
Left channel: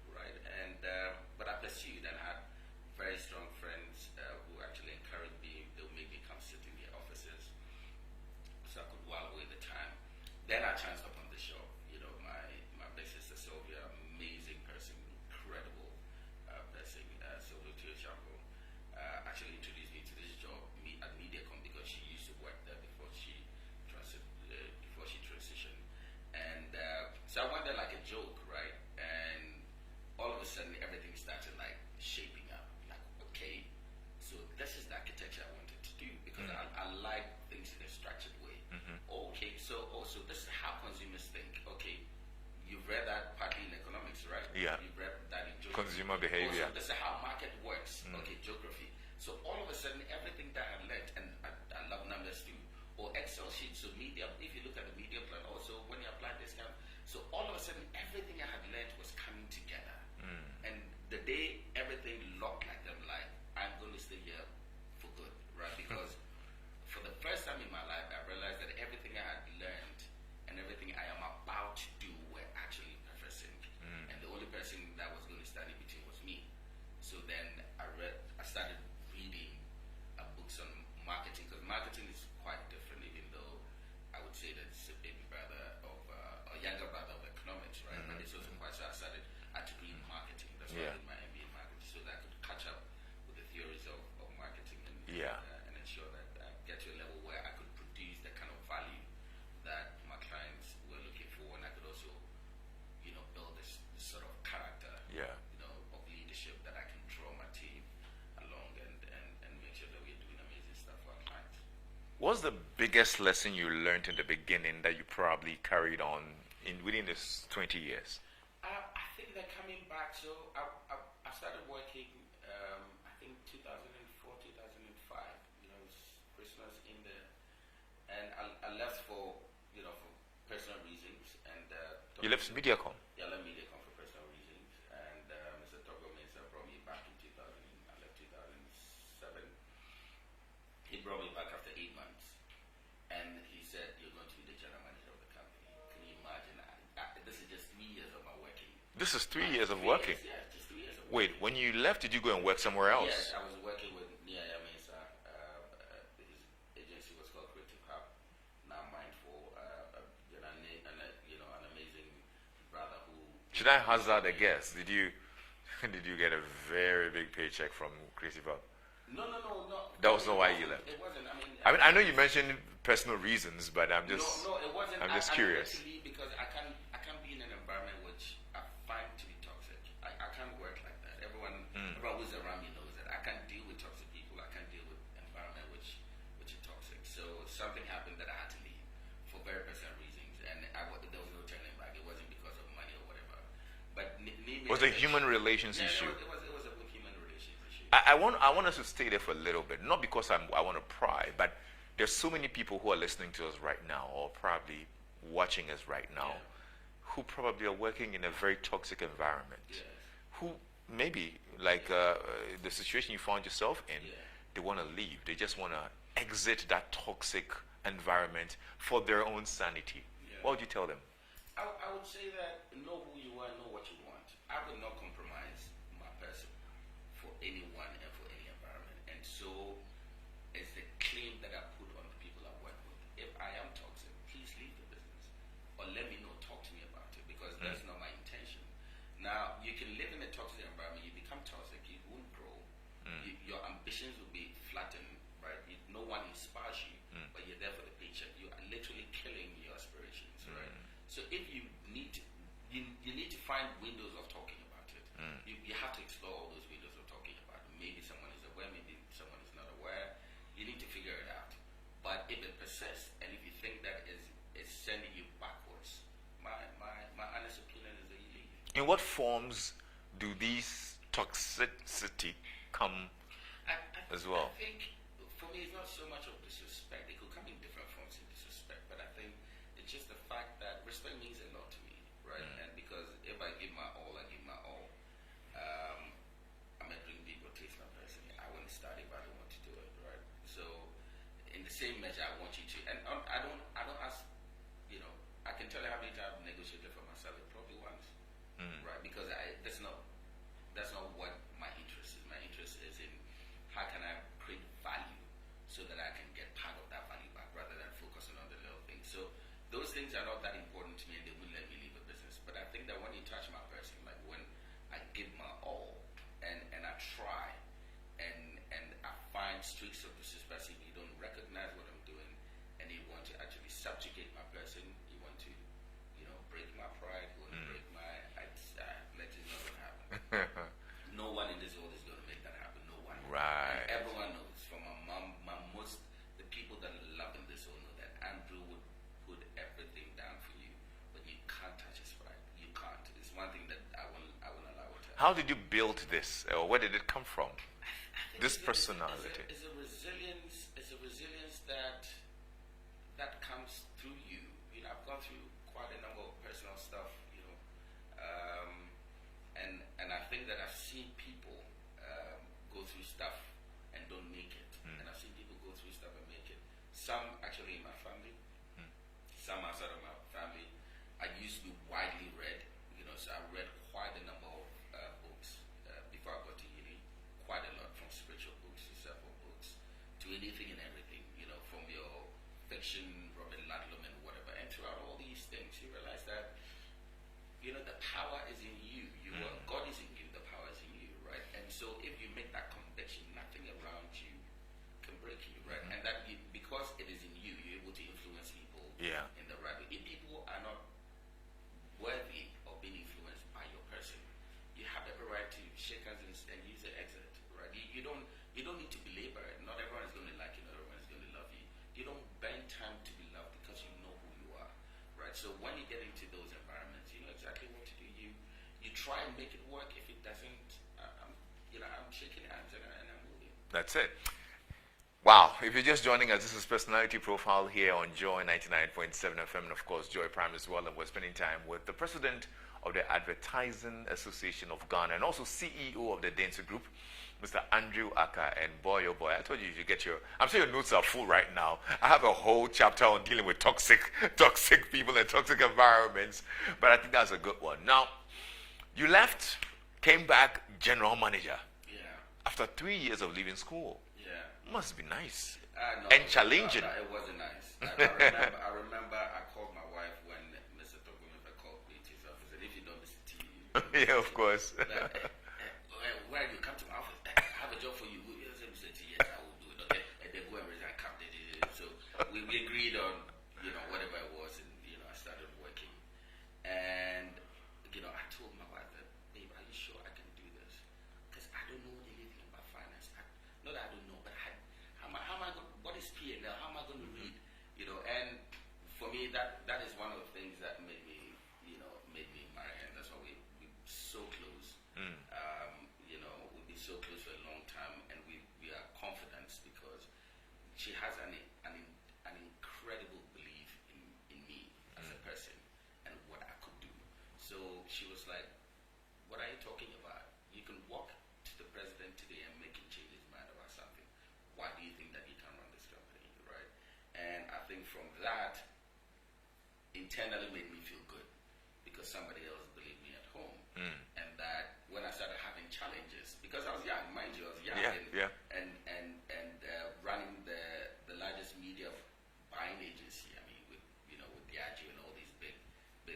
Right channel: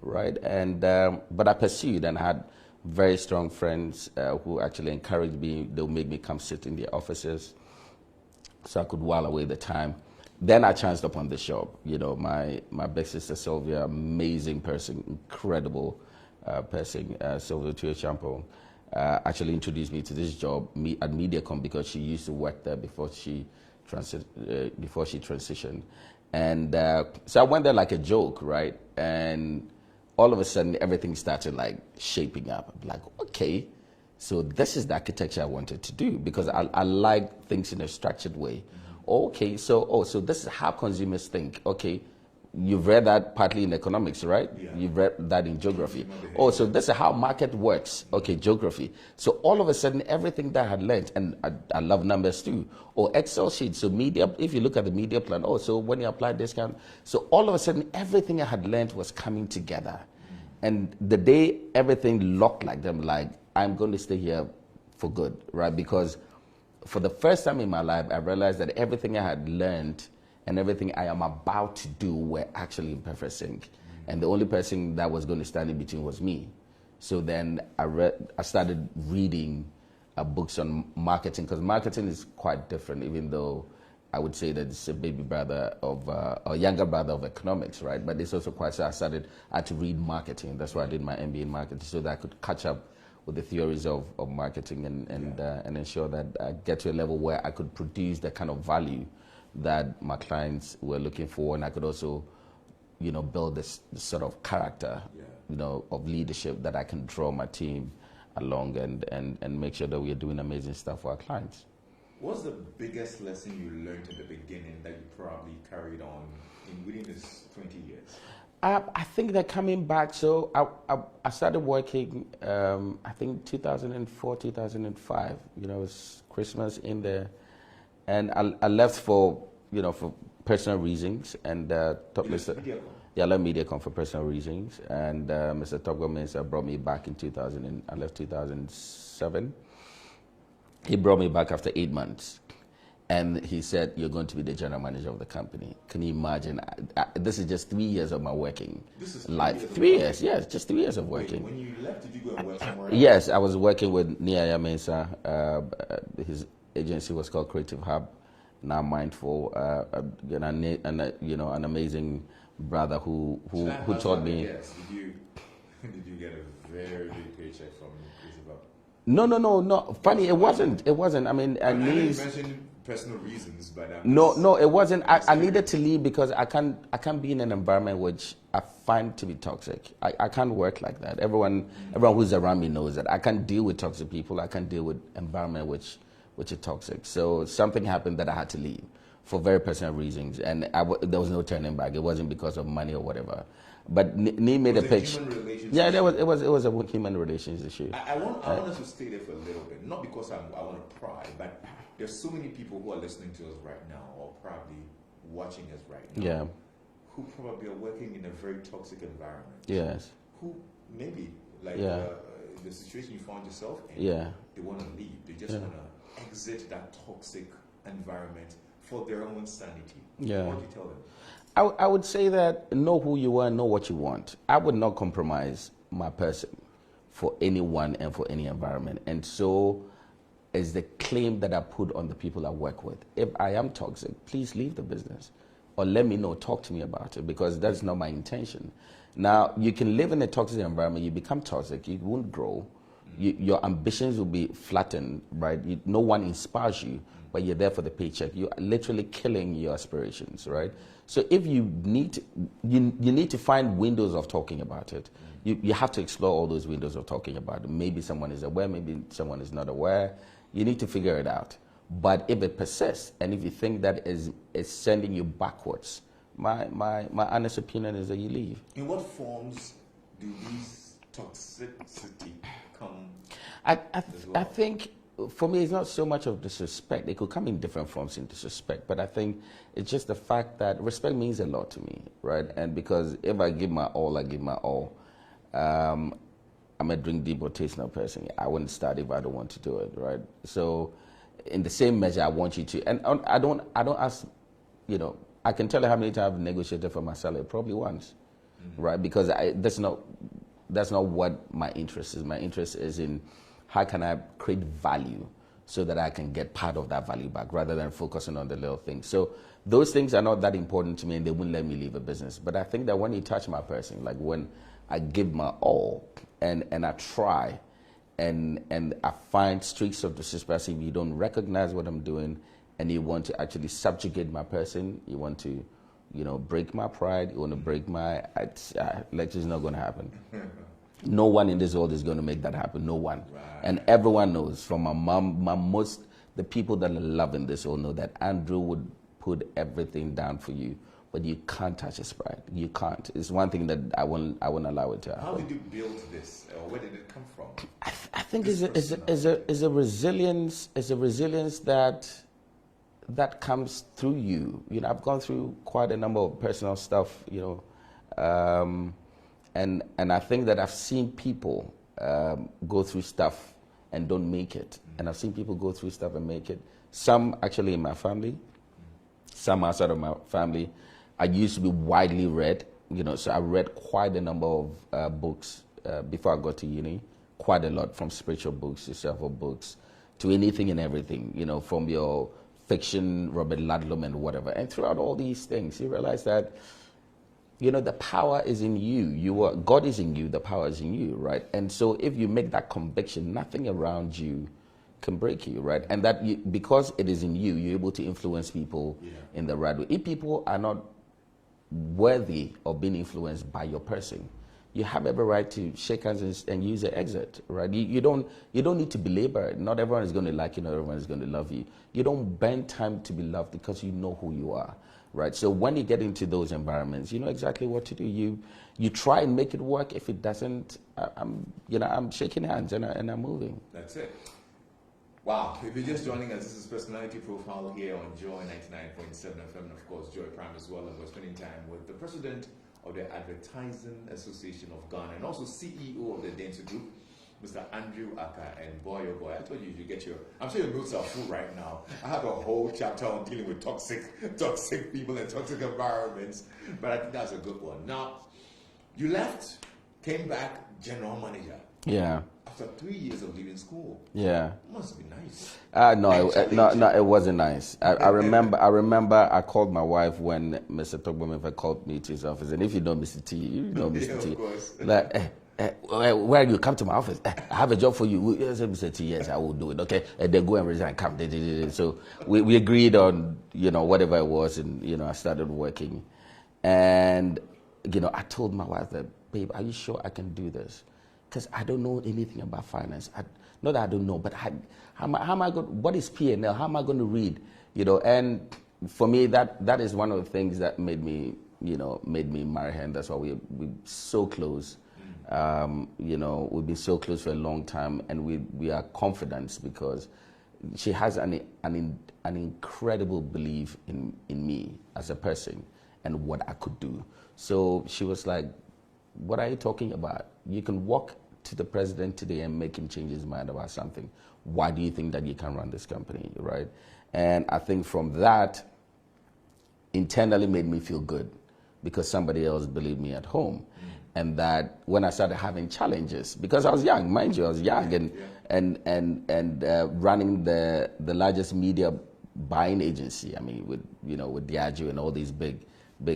right? And but I pursued, and I had very strong friends who actually encouraged me. They would make me come sit in their offices so I could while away the time. Then I chanced upon this job. My big sister Sylvia, amazing person, incredible person, Sylvia Tuachampo. Actually introduced me to this job at MediaCom, because she used to work there before she transitioned. And so I went there like a joke, right? And all of a sudden, everything started like shaping up. I'm like, okay, so this is the architecture I wanted to do, because I like things in a structured way. Okay, so this is how consumers think. Okay, you've read that partly in economics, right? You've read that in geography. So this is how market works. Okay, geography. So all of a sudden, everything that I had learned, and I love numbers too. Excel sheets. So media, if you look at the media plan, so when you apply discount, so all of a sudden, everything I had learned was coming together. And the day everything looked like them, like, I'm going to stay here for good, right? Because for the first time in my life, I realized that everything I had learned and everything I am about to do were actually in perfect sync. And the only person that was going to stand in between was me. So then I started reading books on marketing, because marketing is quite different, even though I would say that it's a baby brother of, or younger brother of economics, right? But it's also quite, so I had to read marketing. That's why I did my MBA in marketing, so that I could catch up with the theories of marketing and ensure that I get to a level where I could produce the kind of value that my clients were looking for, and I could also, build this sort of character, of leadership that I can draw my team along and make sure that we are doing amazing stuff for our clients. What's the biggest lesson you learned in the beginning that you probably carried on within this 20 years? I think that coming back, so I started working, I think 2004, 2005, it was Christmas in there, and I left for personal reasons, and you left Mediacom? Yeah, I left Mediacom for personal reasons, and Mr. Togbo Mensah brought me back in 2000, I left 2007. He brought me back after 8 months. And he said, you're going to be the general manager of the company. Can you imagine? This is just 3 years of my working. This is 3 years of working? 3 years, yes, just 3 years of working. Wait, when you left, did you go and work somewhere else? Yes, I was working with Niaya Mensah. His agency was called Creative Hub. Now Mindful, an amazing brother who Should I hazard me. a guess? Did you get a very big paycheck from Creative Hub? No. Funny, it wasn't. I know you mentioned personal reasons, but no, it wasn't. I needed to leave because I can't be in an environment which I find to be toxic. I can't work like that. Everyone who's around me knows that I can't deal with toxic people. I can't deal with environment which is toxic. So something happened that I had to leave for very personal reasons, and there was no turning back. It wasn't because of money or whatever. But Nee made a pitch. Human relations issue. Yeah, it was a human relations issue. I want us to stay there for a little bit, not because I want to pry, but there's so many people who are listening to us right now, or probably watching us right now, who probably are working in a very toxic environment. Yes. Who maybe the situation you found yourself in, they want to leave. They just want to exit that toxic environment for their own sanity. Yeah. What would you tell them? I would say that know who you are, know what you want. I would not compromise my person for anyone and for any environment. And so is the claim that I put on the people I work with. If I am toxic, please leave the business or let me know, talk to me about it, because that's not my intention. Now, you can live in a toxic environment, you become toxic, you won't grow. Your ambitions will be flattened, right? No one inspires you, but you're there for the paycheck. You're literally killing your aspirations, right? So if you need to find windows of talking about it. You have to explore all those windows of talking about it. Maybe someone is aware, maybe someone is not aware. You need to figure it out. But if it persists, and if you think that is sending you backwards, my honest opinion is that you leave. In what forms do these toxicity come as well? I think for me, it's not so much of disrespect. It could come in different forms in disrespect, but I think it's just the fact that respect means a lot to me, right? And because if I give my all, I give my all. I'm a drink deep rotational person. I wouldn't start if I don't want to do it, right? So, in the same measure, I want you to, and I don't ask, I can tell you how many times I've negotiated for my salary, probably once, right? Because that's not what my interest is. My interest is in how can I create value so that I can get part of that value back rather than focusing on the little things. So those things are not that important to me, and they wouldn't let me leave a business. But I think that when you touch my person, like when I give my all and I try and I find streaks of disrespect, if you don't recognize what I'm doing and you want to actually subjugate my person, you want to, break my pride, you want to break my, Lexis is not going to happen. No one in this world is going to make that happen. No one. Right. And everyone knows, from my mom, the people that I love in this world know that Andrew would put everything down for you, but you can't touch his pride. You can't. It's one thing that I won't allow it to happen. How did you build this, or where did it come from? I think it's a resilience. It's a resilience that comes through you. I've gone through quite a number of personal stuff. And I think that I've seen people go through stuff and don't make it. And I've seen people go through stuff and make it. Some actually in my family, some outside of my family. I used to be widely read, so I read quite a number of books before I got to uni, quite a lot, from spiritual books to self-help books to anything and everything, from your fiction, Robert Ludlum and whatever. And throughout all these things, you realize that the power is in you. God is in you, the power is in you, right? And so if you make that conviction, nothing around you can break you, right? And that because it is in you, you're able to influence people in the right way. If people are not worthy of being influenced by your person, you have every right to shake hands and use the exit, right? You don't need to belabor it. Not everyone is going to like you, not everyone is going to love you. You don't bend time to be loved because you know who you are, right? So when you get into those environments, you know exactly what to do. You try and make it work. If it doesn't, I'm shaking hands and I'm moving. That's it. Wow, if you're just joining us, this is Personality Profile here on Joy 99.7 FM, and of course Joy Prime as well, and we're spending time with the president of the Advertising Association of Ghana and also CEO of the Dentsu Group, Mr. Andrew Ackah. And boy, oh boy, I told you if you get I'm sure your notes are full right now. I have a whole chapter on dealing with toxic people and toxic environments, but I think that's a good one. Now, you left, came back, general manager. Yeah. After 3 years of leaving school. Yeah. Must be nice. No, it wasn't nice. I remember I called my wife when Mr. Togbomefa called me to his office. And if you know Mr. T, you know Mr. Yeah, T. of course. Like, where you come to my office? I have a job for you. I said, Mr. T, yes, I will do it. Okay. And then go and resign, come. So we agreed on, whatever it was. And, I started working. And, I told my wife that, babe, are you sure I can do this? Because I don't know anything about finance. Not that I don't know, but how am I going? What is P&L? How am I going to read? And for me, that is one of the things that made me marry her. And that's why we're so close. We've been so close for a long time, and we are confident because she has an incredible belief in me as a person and what I could do. So she was like, "What are you talking about? You can walk to the president today and make him change his mind about something. Why do you think that you can run this company, right?" And I think from that, internally made me feel good because somebody else believed me at home. And that when I started having challenges, because I was young, mind you, I was young and running the largest media buying agency. I mean, with Diageo and all these big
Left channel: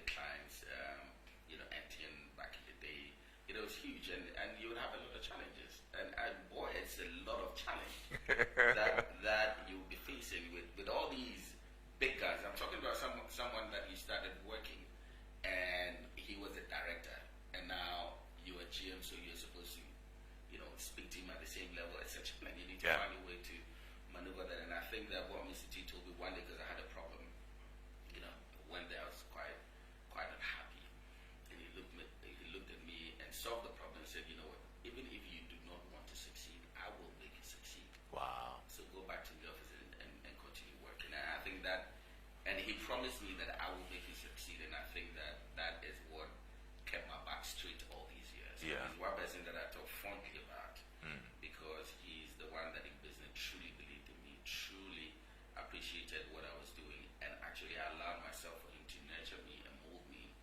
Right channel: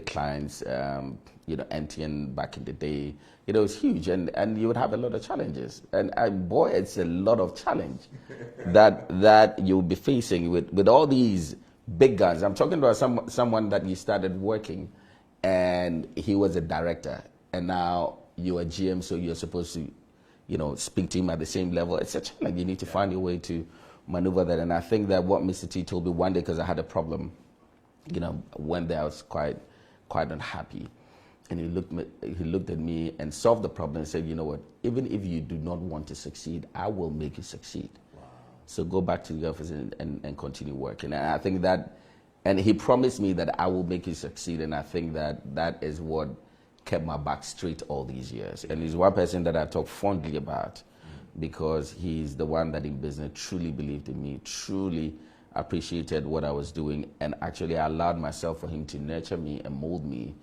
clients, MTN back in the day. It was huge, and you would have a lot of challenges. And boy, it's a lot of challenge that you'll be facing with all these big guns. I'm talking about someone that you started working, and he was a director, and now you're a GM, so you're supposed to, speak to him at the same level. It's a challenge. You need to find your way to maneuver that. And I think that what Mr. T told me one day, because I had a problem, one day I was quite unhappy. And he looked at me and solved the problem and said, "You know what, even if you do not want to succeed, I will make you succeed. Wow. So go back to the office and continue working." And I think that, and he promised me that I will make you succeed. And I think that is what kept my back straight all these years. Yeah. And he's one person that I talk fondly about because he's the one that in business truly believed in me, truly appreciated what I was doing, and actually allowed myself for him to nurture me and mold me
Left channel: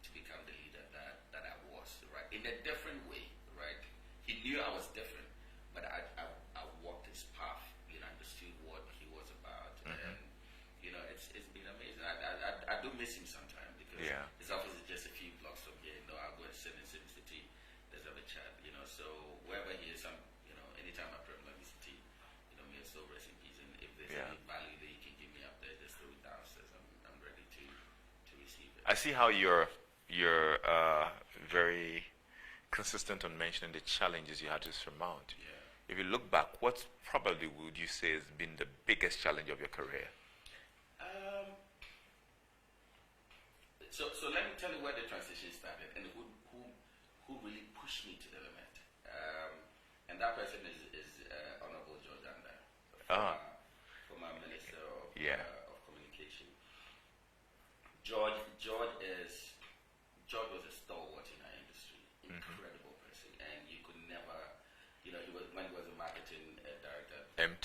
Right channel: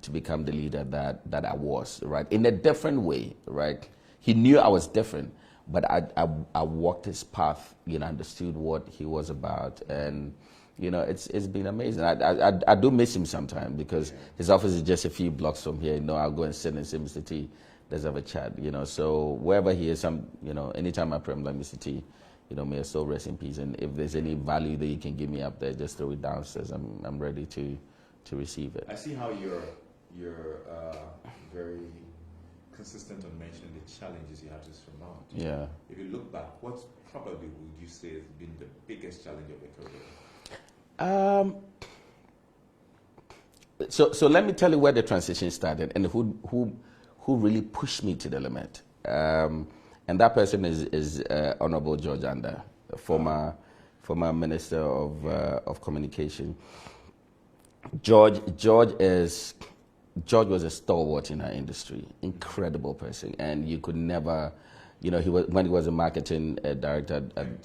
to become the leader that I was, right? In a different way, right? He knew I was different, but I walked his path, understood what he was about, and it's been amazing. I do miss him sometimes because his office is just a few blocks from here. I'll go and sit and say, "Mr. T, let's have a chat." So wherever he is, anytime I pray, I'm like, "Mr. T, may your soul rest in peace. And if there's any value that you can give me up there, just throw it downstairs. I'm ready to receive it." I see how you're very consistent on mentioning the challenges you had to surmount. Yeah. If you look back, what probably would you say has been the biggest challenge of your career? So let me tell you where the transition started and who really pushed me to the limit. And that person is Honorable George Ander, former Minister of Communication. George was a stalwart in our industry, incredible person, and you could never, when he was a marketing director at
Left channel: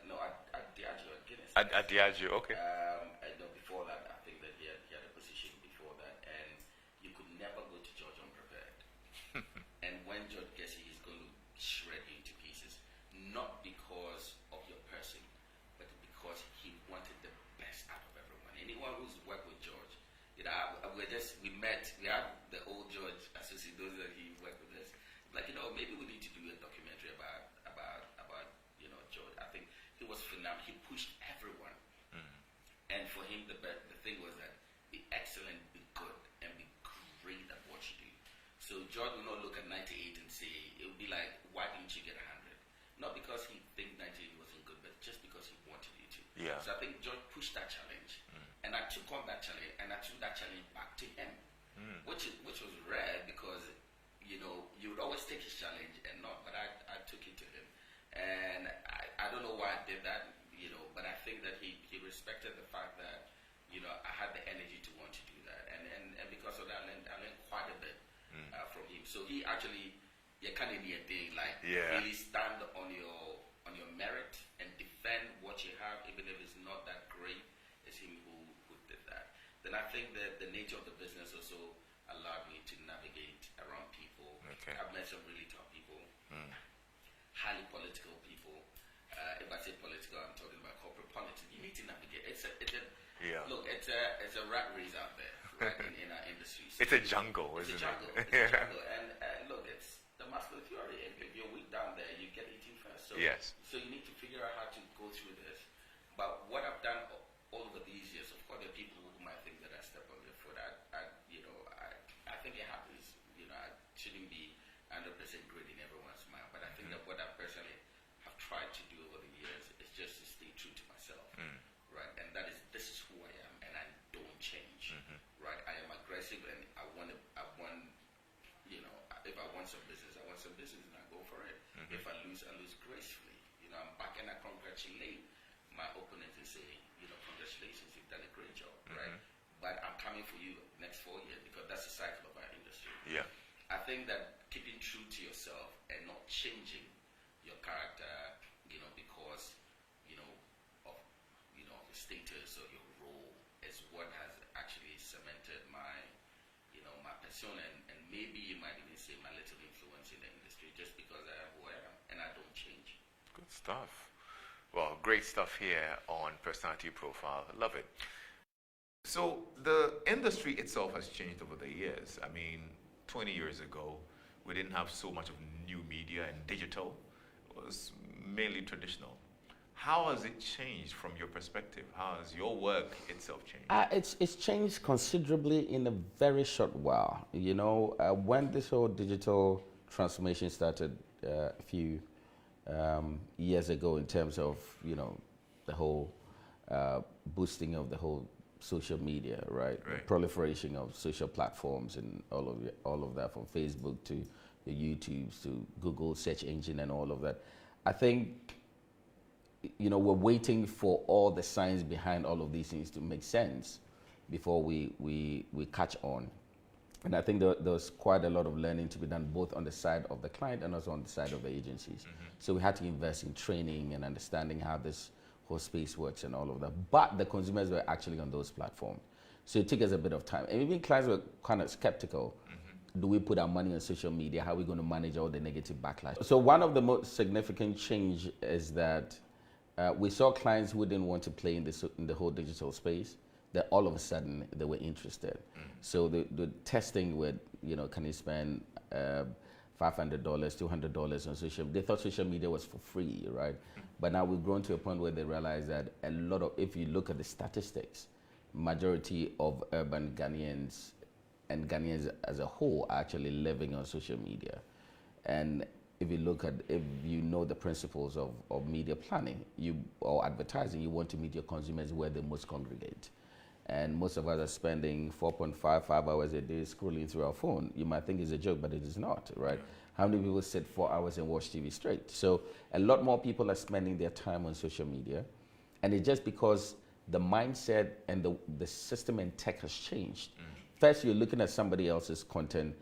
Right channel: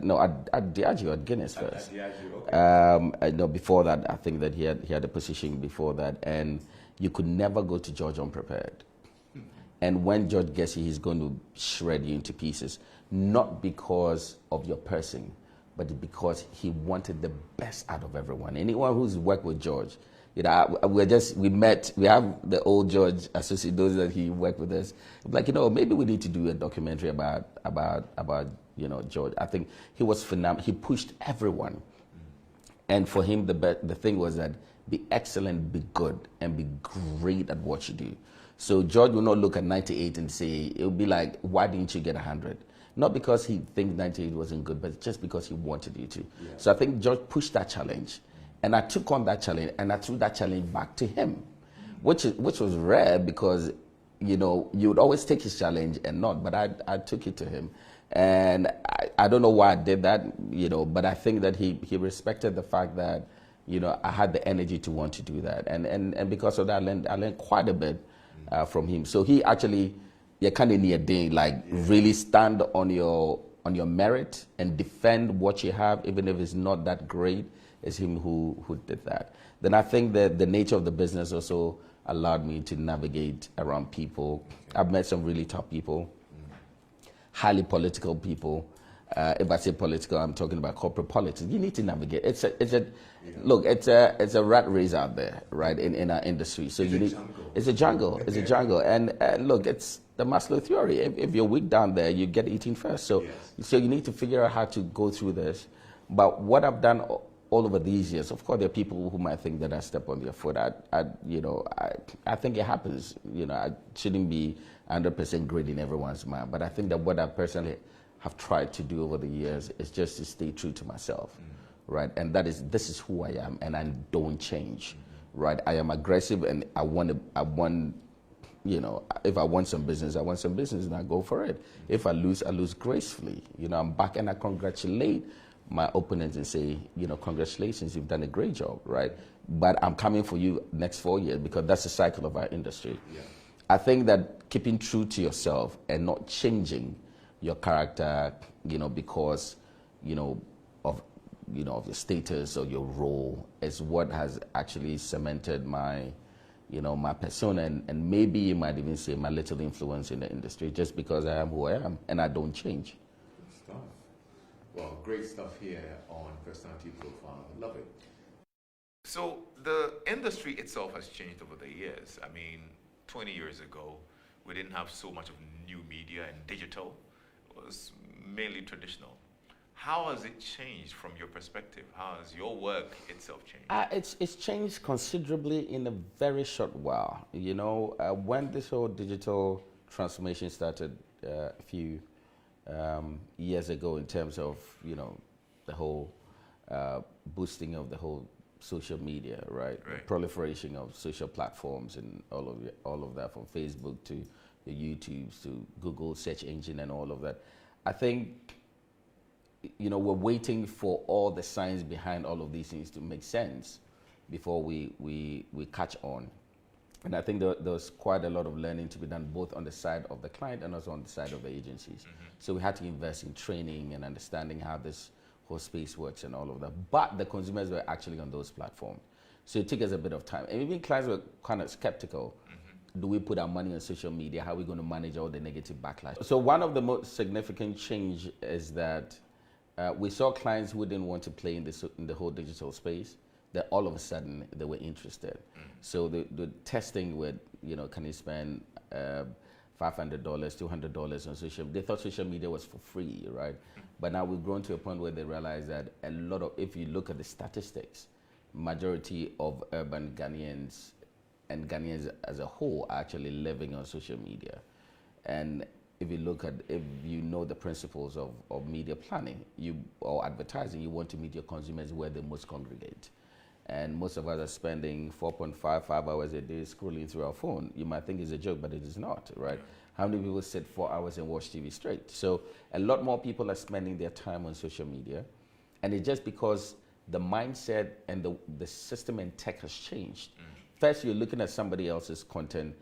Diageo, at Guinness first. At Diageo, okay. Before that, I think that he had a position before that, and you could never go to George unprepared. And when George gets you, he's going to shred you into pieces, not because of your person, but because he wanted the best out of everyone. Anyone who's worked with George, You know, we met. We have the old George associate, those that he worked with us. Like, you know, maybe we need to do a documentary about you know, George. I think he was phenomenal. He pushed everyone, and for him, the thing was that be excellent, be good, and be great at what you do. So George will not look at 98 and say, it will be like, why didn't you get 100? Not because he thinks 98 wasn't good, but just because he wanted you to. Yeah. So I think George pushed that challenge. And I took on that challenge, and I threw that challenge back to him, which was rare because, you know, you would always take his challenge and not, but I took it to him. And I don't know why I did that, you know, but I think that he respected the fact that, you know, I had the energy to want to do that. And because of that, I learned quite a bit from him. So he actually, you kind of need a day, like really stand on your merit and defend what you have, even if it's not that great. It's him who did that. Then I think that the nature of the business also allowed me to navigate around people. Okay. I've met some really tough people, highly political people. If I say political, I'm talking about corporate politics. You need to navigate. Look, it's a rat race out there, right, in our industry. So it's a jungle. It's a jungle. It's a jungle. And look, it's the Maslow theory. If you're weak down there, you get eaten first. So so you need to figure out how to go through this. But what I've done all over these years, of course, there are people who might think that I step on their foot. I think it happens. You know, I shouldn't be 100% great in everyone's mind. But I think that what I personally have tried to do over the years is just to stay true to myself, right? And this is who I am, and I don't change, right? I am aggressive, and I want, you know, if I want some business, and I go for it. If I lose gracefully. You know, I'm back, and I congratulate my opponents and say, you know, congratulations, you've done a great job, right? But I'm coming for you next 4 years, because that's the cycle of our industry. Yeah. I think that keeping true to yourself and not changing your character, you know, because, you know, of your status or your role is what has actually cemented my, you know, my persona, and maybe you might even say my little influence in the industry, just because I am who I am and I don't change. Good stuff. Well, great stuff here on Personality Profile. I love it. So the industry itself has changed over the years. I mean, 20 years ago, we didn't have so much of new media, and digital was mainly traditional. How has it changed from your perspective? How has your work itself changed? It's changed considerably in a very short while. You know, when this whole digital transformation started a few years ago, in terms of, you know, the whole boosting of the whole social media, right? The proliferation of social platforms and all of that, from Facebook to your YouTubes to Google search engine and all of that. I think, you know, we're waiting for all the science behind all of these things to make sense before we catch on. And I think there's quite a lot of learning to be done, both on the side of the client and also on the side of the agencies. So we had to invest in training and understanding how this whole space works and all of that. But the consumers were actually on those platforms. So it took us a bit of time. And even clients were kind of skeptical. Do we put our money on social media? How are we going to manage all the negative backlash? So one of the most significant change is that we saw clients who didn't want to play in the whole digital space, that all of a sudden they were interested. So the testing with, you know, can you spend $500, $200 on social media? They thought social media was for free, right? But now we've grown to a point where they realize that a lot of, if you look at the statistics, majority of urban Ghanaians and Ghanaians as a whole are actually living on social media. And if you know the principles of media planning or advertising, you want to meet your consumers where they most congregate. And most of us are spending 5 hours a day scrolling through our phone. You might think it's a joke, but it is not, right? How many people sit 4 hours and watch TV straight? So a lot more people are spending their time on social media. And it's just because the mindset and the system and tech has changed. First, you're looking at somebody else's content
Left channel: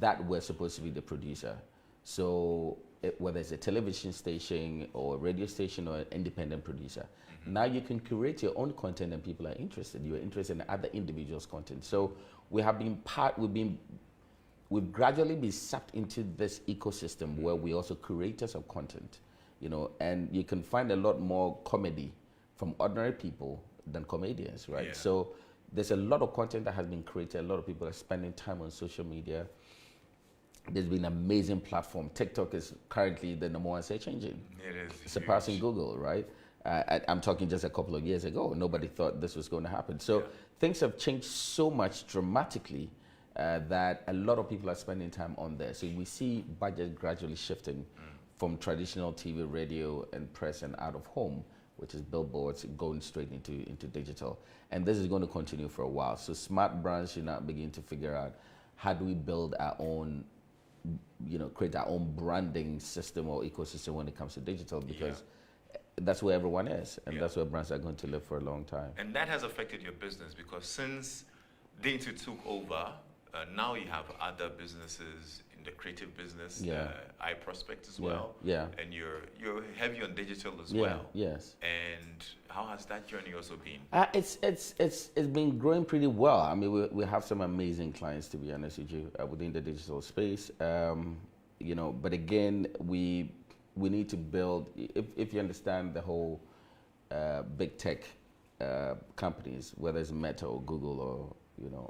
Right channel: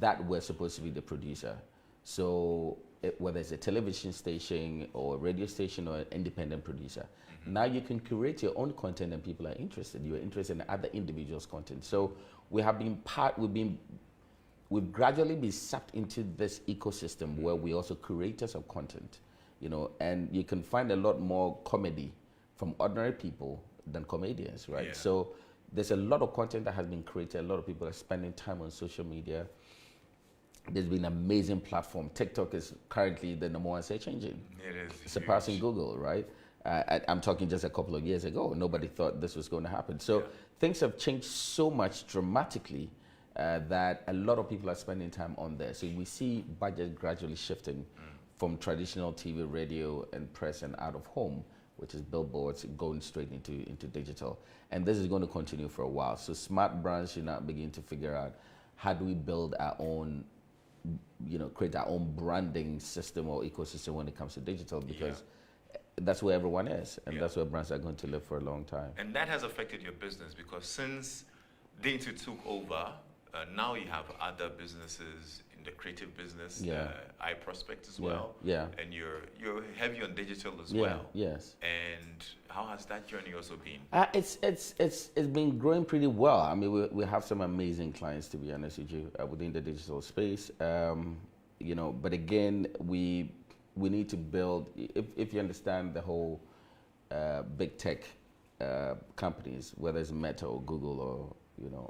that we're supposed to be the producer. So whether it's a television station or a radio station or an independent producer, now you can curate your own content and people are interested. You're interested in other individuals' content. So we've gradually been sucked into this ecosystem where we also creators of content, you know, and you can find a lot more comedy from ordinary people than comedians, right? So there's a lot of content that has been created. A lot of people are spending time on social media. There's been an amazing platform. TikTok is currently the #1 search engine. It is surpassing huge. Google, right? I'm talking just a couple of years ago. Nobody thought this was going to happen. So things have changed so much dramatically that a lot of people are spending time on there. So we see budget gradually shifting from traditional TV, radio, and press and out of home, which is billboards, going straight into digital. And this is going to continue for a while. So smart brands should now begin to figure out, how do we build our own, create our own branding system or ecosystem when it comes to digital, because that's where everyone is, and that's where brands are going to live for a long time. And that has affected your business, because since Dentsu took over, now you have other businesses in the creative business, iProspect as well. Yeah. And you're heavy on digital as well. Yes. And how has that journey also been? It's been growing pretty well. I mean, we have some amazing clients, to be honest with you, within the digital space. But again, we need to build. If you understand the whole big tech companies, whether it's Meta or Google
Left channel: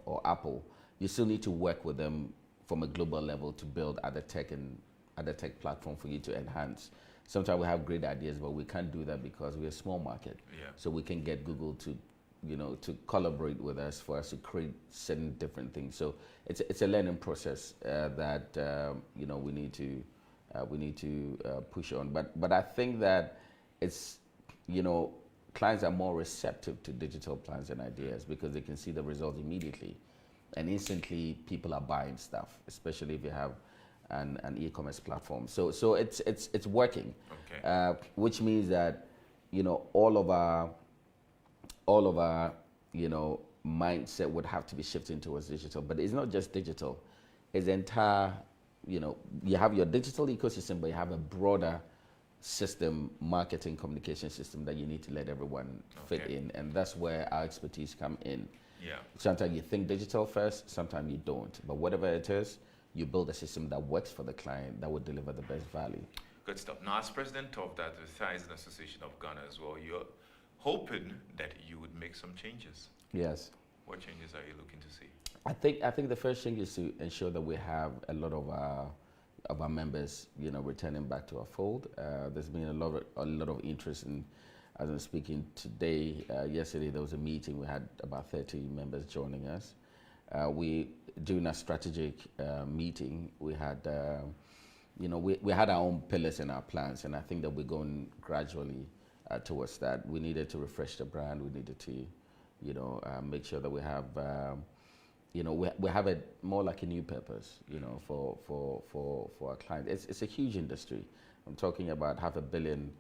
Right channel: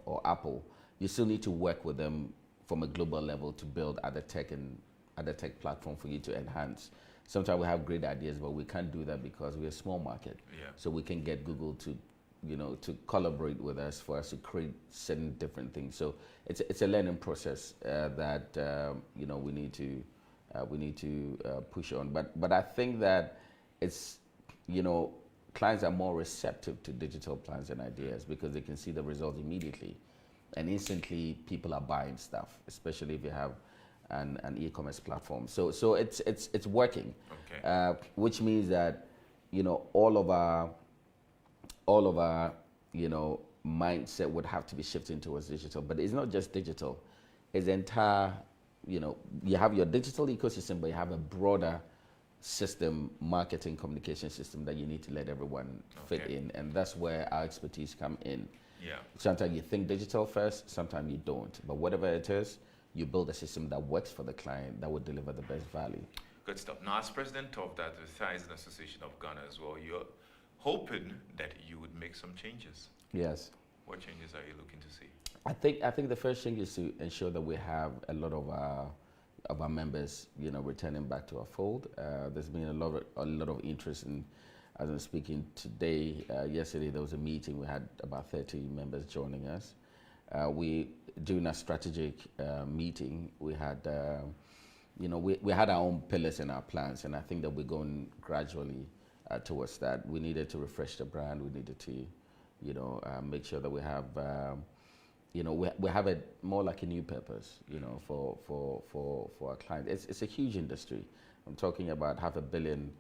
or Apple, you still need to work with them from a global level to build other tech platform for you to enhance. Sometimes we have great ideas, but we can't do that because we're a small market. Yeah. So we can get Google to collaborate with us for us to create certain different things. So it's a learning process that we need to push on. But I think that it's clients are more receptive to digital plans and ideas because they can see the results immediately. And instantly, people are buying stuff, especially if you have an e-commerce platform. So it's working, which means that all of our mindset would have to be shifting towards digital. But it's not just digital; it's the entire. You have your digital ecosystem, but you have a broader system, marketing, communication system that you need to let everyone fit in, and that's where our expertise come in. Yeah. Sometimes you think digital first, sometimes you don't. But whatever it is, you build a system that works for the client that would deliver the best value. Good stuff. Now, as president of the Advertising Association of Ghana as well, you're hoping that you would make some changes. Yes. What changes are you looking to see? I think the first thing is to ensure that we have a lot of our members, returning back to our fold. There's been a lot of interest in. As I'm speaking today, yesterday there was a meeting. We had about 30 members joining us. During a strategic meeting, we had, we had our own pillars and our plans, and I think that we're going gradually towards that. We needed to refresh the brand. We needed to, make sure that we have, we have it more like a new purpose, for our clients. It's a huge industry. I'm talking about 500 million.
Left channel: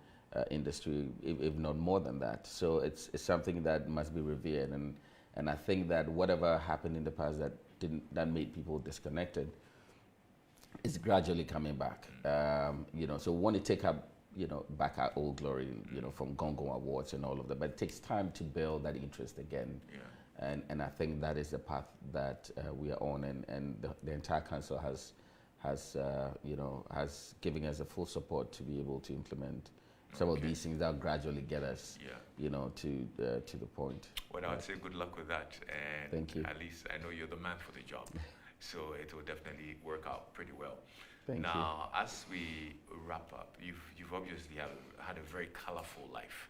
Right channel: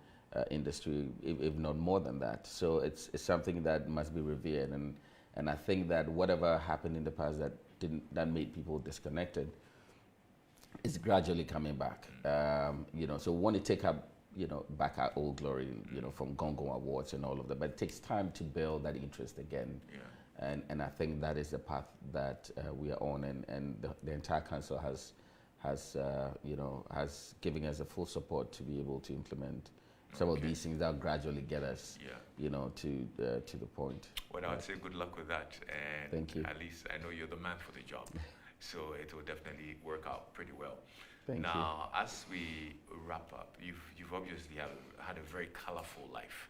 Industry, if not more than that. So it's something that must be revered, and I think that whatever happened in the past that made people disconnected is gradually coming back. So we want to take up back our old glory, from Gongo Awards and all of that, but it takes time to build that interest again. Yeah. And I think that is the path that we are on, and the entire council has given us a full support to be able to implement some of these things that gradually get us, to the point. Well, I'd say good luck with that, and thank you. At least I know you're the man for the job, so it will definitely work out pretty well. Thank you. Now, as we wrap up, you've obviously had a very colorful life,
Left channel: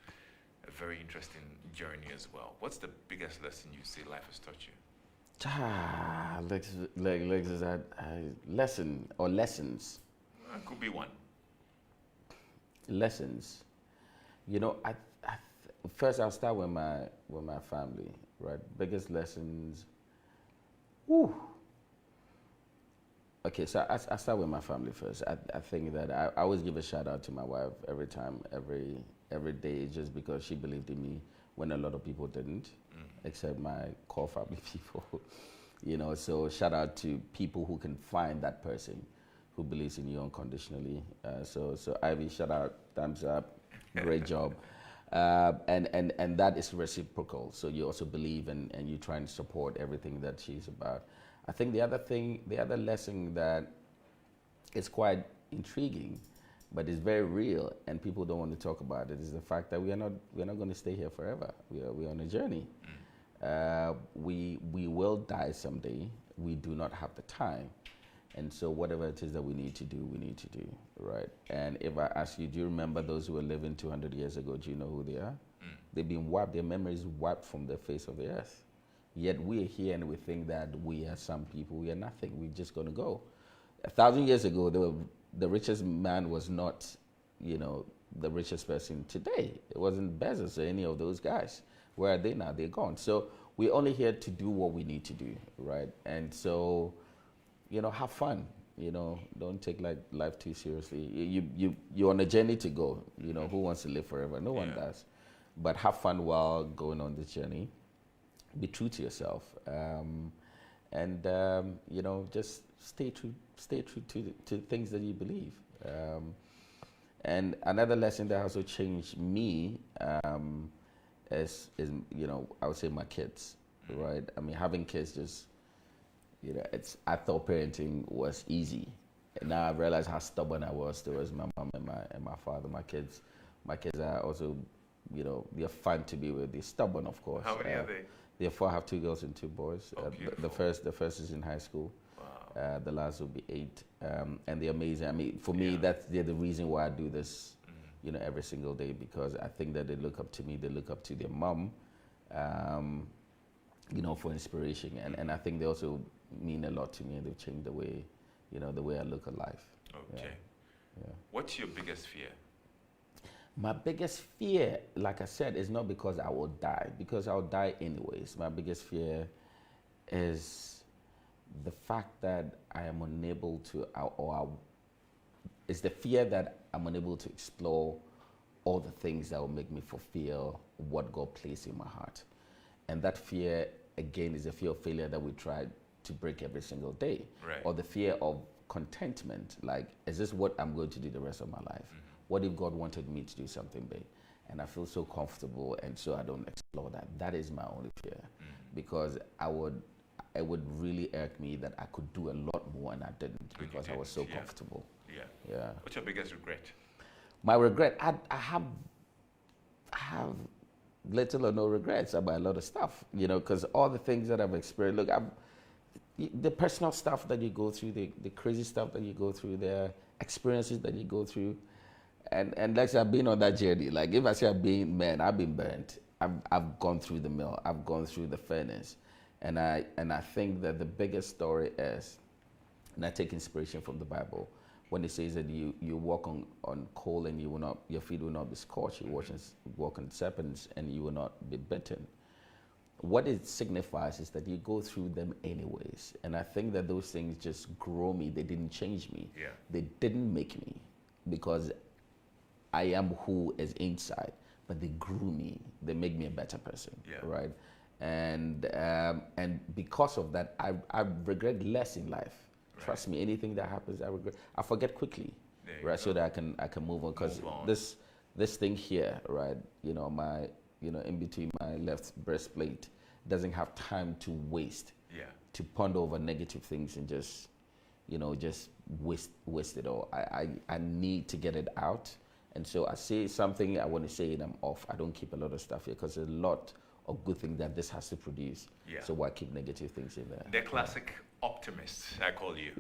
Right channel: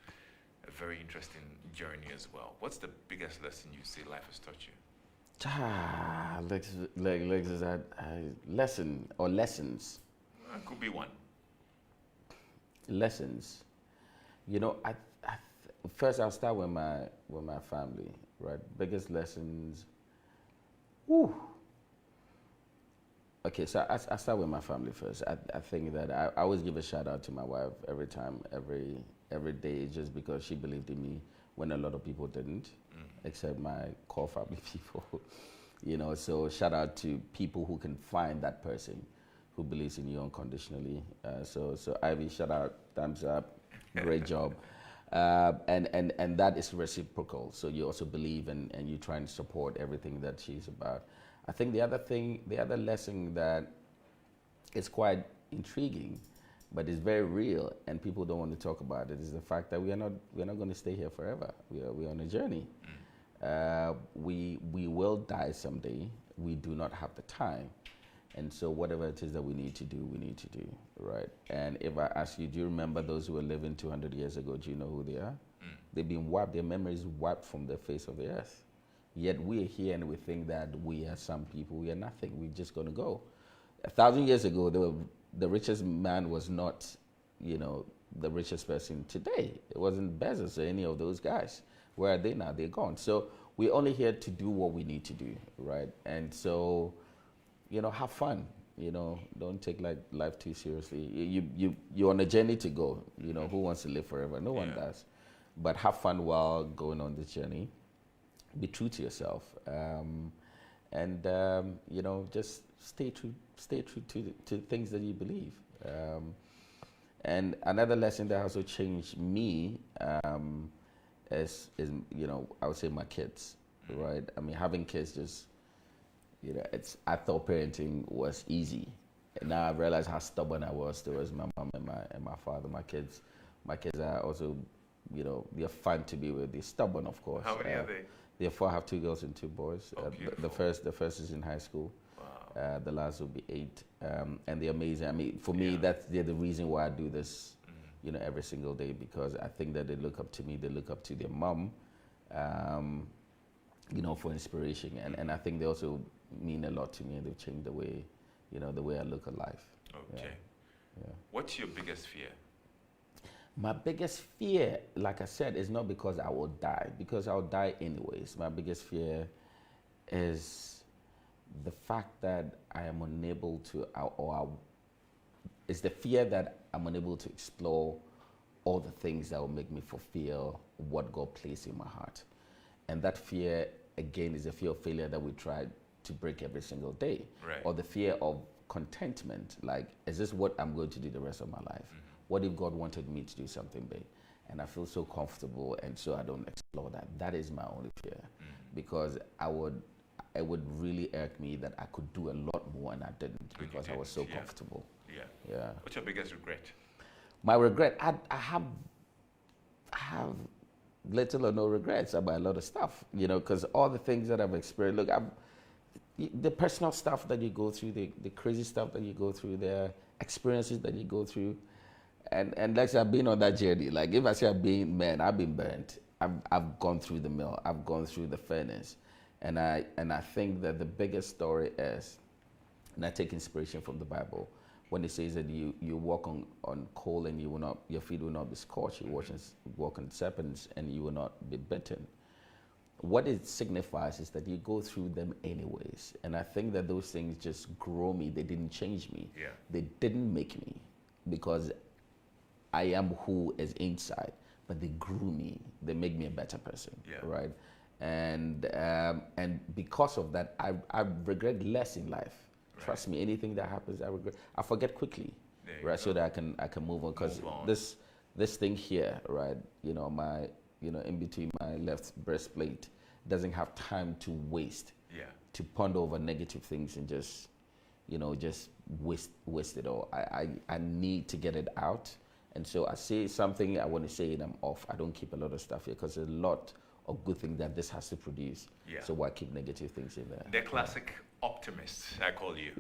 a very interesting journey as well. What's the biggest lesson you say life has taught you? Lexis, lesson or lessons. Could be one. Lessons, first I'll start with my family, right? Biggest lessons. Woo. Okay, so I start with my family first. I think that I always give a shout out to my wife every time, every day, just because she believed in me when a lot of people didn't, except my core family people. So shout out to people who can find that person who believes in you unconditionally. So Ivy, shout out, thumbs up, great job. And that is reciprocal. So you also believe and you try and support everything that she's about. I think the other lesson that is quite intriguing, but is very real, and people don't want to talk about it, is the fact that we are not going to stay here forever. We are on a journey. We will die someday. We do not have the time. And so whatever it is that we need to do, right? And if I ask you, do you remember those who were living 200 years ago? Do you know who they are? They've been wiped, their memories wiped from the face of the earth. Yet we're here and we think that we are some people, we are nothing, we're just gonna go. 1,000 years ago, the richest man was not, the richest person today. It wasn't Bezos or any of those guys. Where are they now? They're gone. So we're only here to do what we need to do, right? And so, have fun. Don't take life too seriously. You're on a journey to go. Who wants to live forever? No one does. But have fun while going on this journey. Be true to yourself, and just stay true to things that you believe. And another lesson that also changed me is I would say my kids, right? I mean, having kids just I thought parenting was easy, and now I realize how stubborn I was towards my mom and my father. My kids are also, they're fun to be with. They're stubborn, of course. How many are they? Therefore, I have 2 girls and 2 boys. The first is in high school. Wow. The last will be 8, and they're amazing. I mean, for me, they're the reason why I do this, every single day, because I think that they look up to me. They look up to their mom, for inspiration, and I think they also mean a lot to me, and they've changed the way, the way I look at life. Okay. Yeah. What's your biggest fear? My biggest fear, like I said, is not because I will die, because I'll die anyways. My biggest fear is the fact that I am unable to, it's the fear that I'm unable to explore all the things that will make me fulfill what God placed in my heart. And that fear, again, is the fear of failure that we try to break every single day. Right. Or the fear of contentment, like, is this what I'm going to do the rest of my life? What if God wanted me to do something big? And I feel so comfortable, and so I don't explore that. That is my only fear, because it would really irk me that I could do a lot more and I didn't, because I was so comfortable. Yeah. What's your biggest regret? My regret, I have little or no regrets about a lot of stuff, because all the things that I've experienced, look, the personal stuff that you go through, the crazy stuff that you go through, the experiences that you go through. And like I've been on that journey. Like, if I say I've been burnt. I've gone through the mill. I've gone through the furnace, and I think that the biggest story is, and I take inspiration from the Bible, when it says that you walk on coal and your feet will not be scorched. You walk on serpents and you will not be bitten. What it signifies is that you go through them anyways. And I think that those things just grow me. They didn't change me. Yeah. They didn't make me, because I am who is inside, but they grew me. They make me a better person, right? And because of that, I regret less in life. Right. Trust me, anything that happens, I forget quickly, right? So that I can move on. Because this thing here, right? In between my left breastplate, doesn't have time to waste. To ponder over negative things and just waste it all. I need to get it out. And so I say something, I want to say it, I'm off. I don't keep a lot of stuff here, because there's a lot of good things that this has to produce. So why keep negative things in there? The classic optimist, I call you.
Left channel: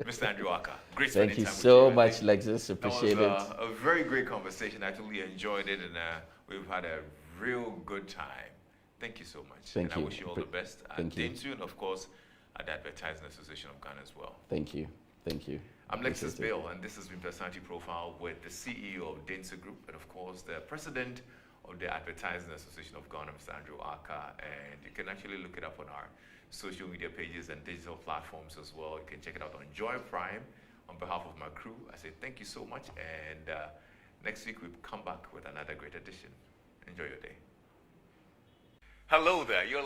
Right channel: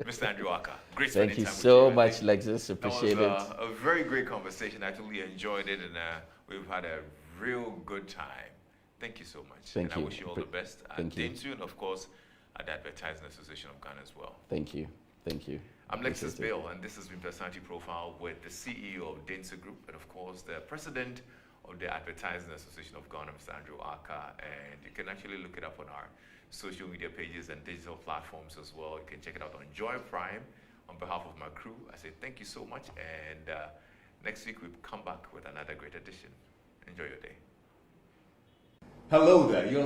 Mr. Andrew Ackah, great spending time with you. Thank you so much, Lexis. Appreciate it. A very great conversation. I totally enjoyed it, and we've had a real good time. Thank you so much. Thank you. I wish you all the best at Dentsu, and of course at the Advertising Association of Ghana as well. Thank you. Thank you. I'm Lexis Bill, and this has been Personality Profile with the CEO of Dentsu Group, and of course the President of the Advertising Association of Ghana, Mr. Andrew Ackah. And you can actually look it up on our social media pages and digital platforms as well. You can check it out on Joy Prime. On behalf of my crew, I say thank you so much, and next week we'll come back with another great edition. Enjoy your day. Hello there. You're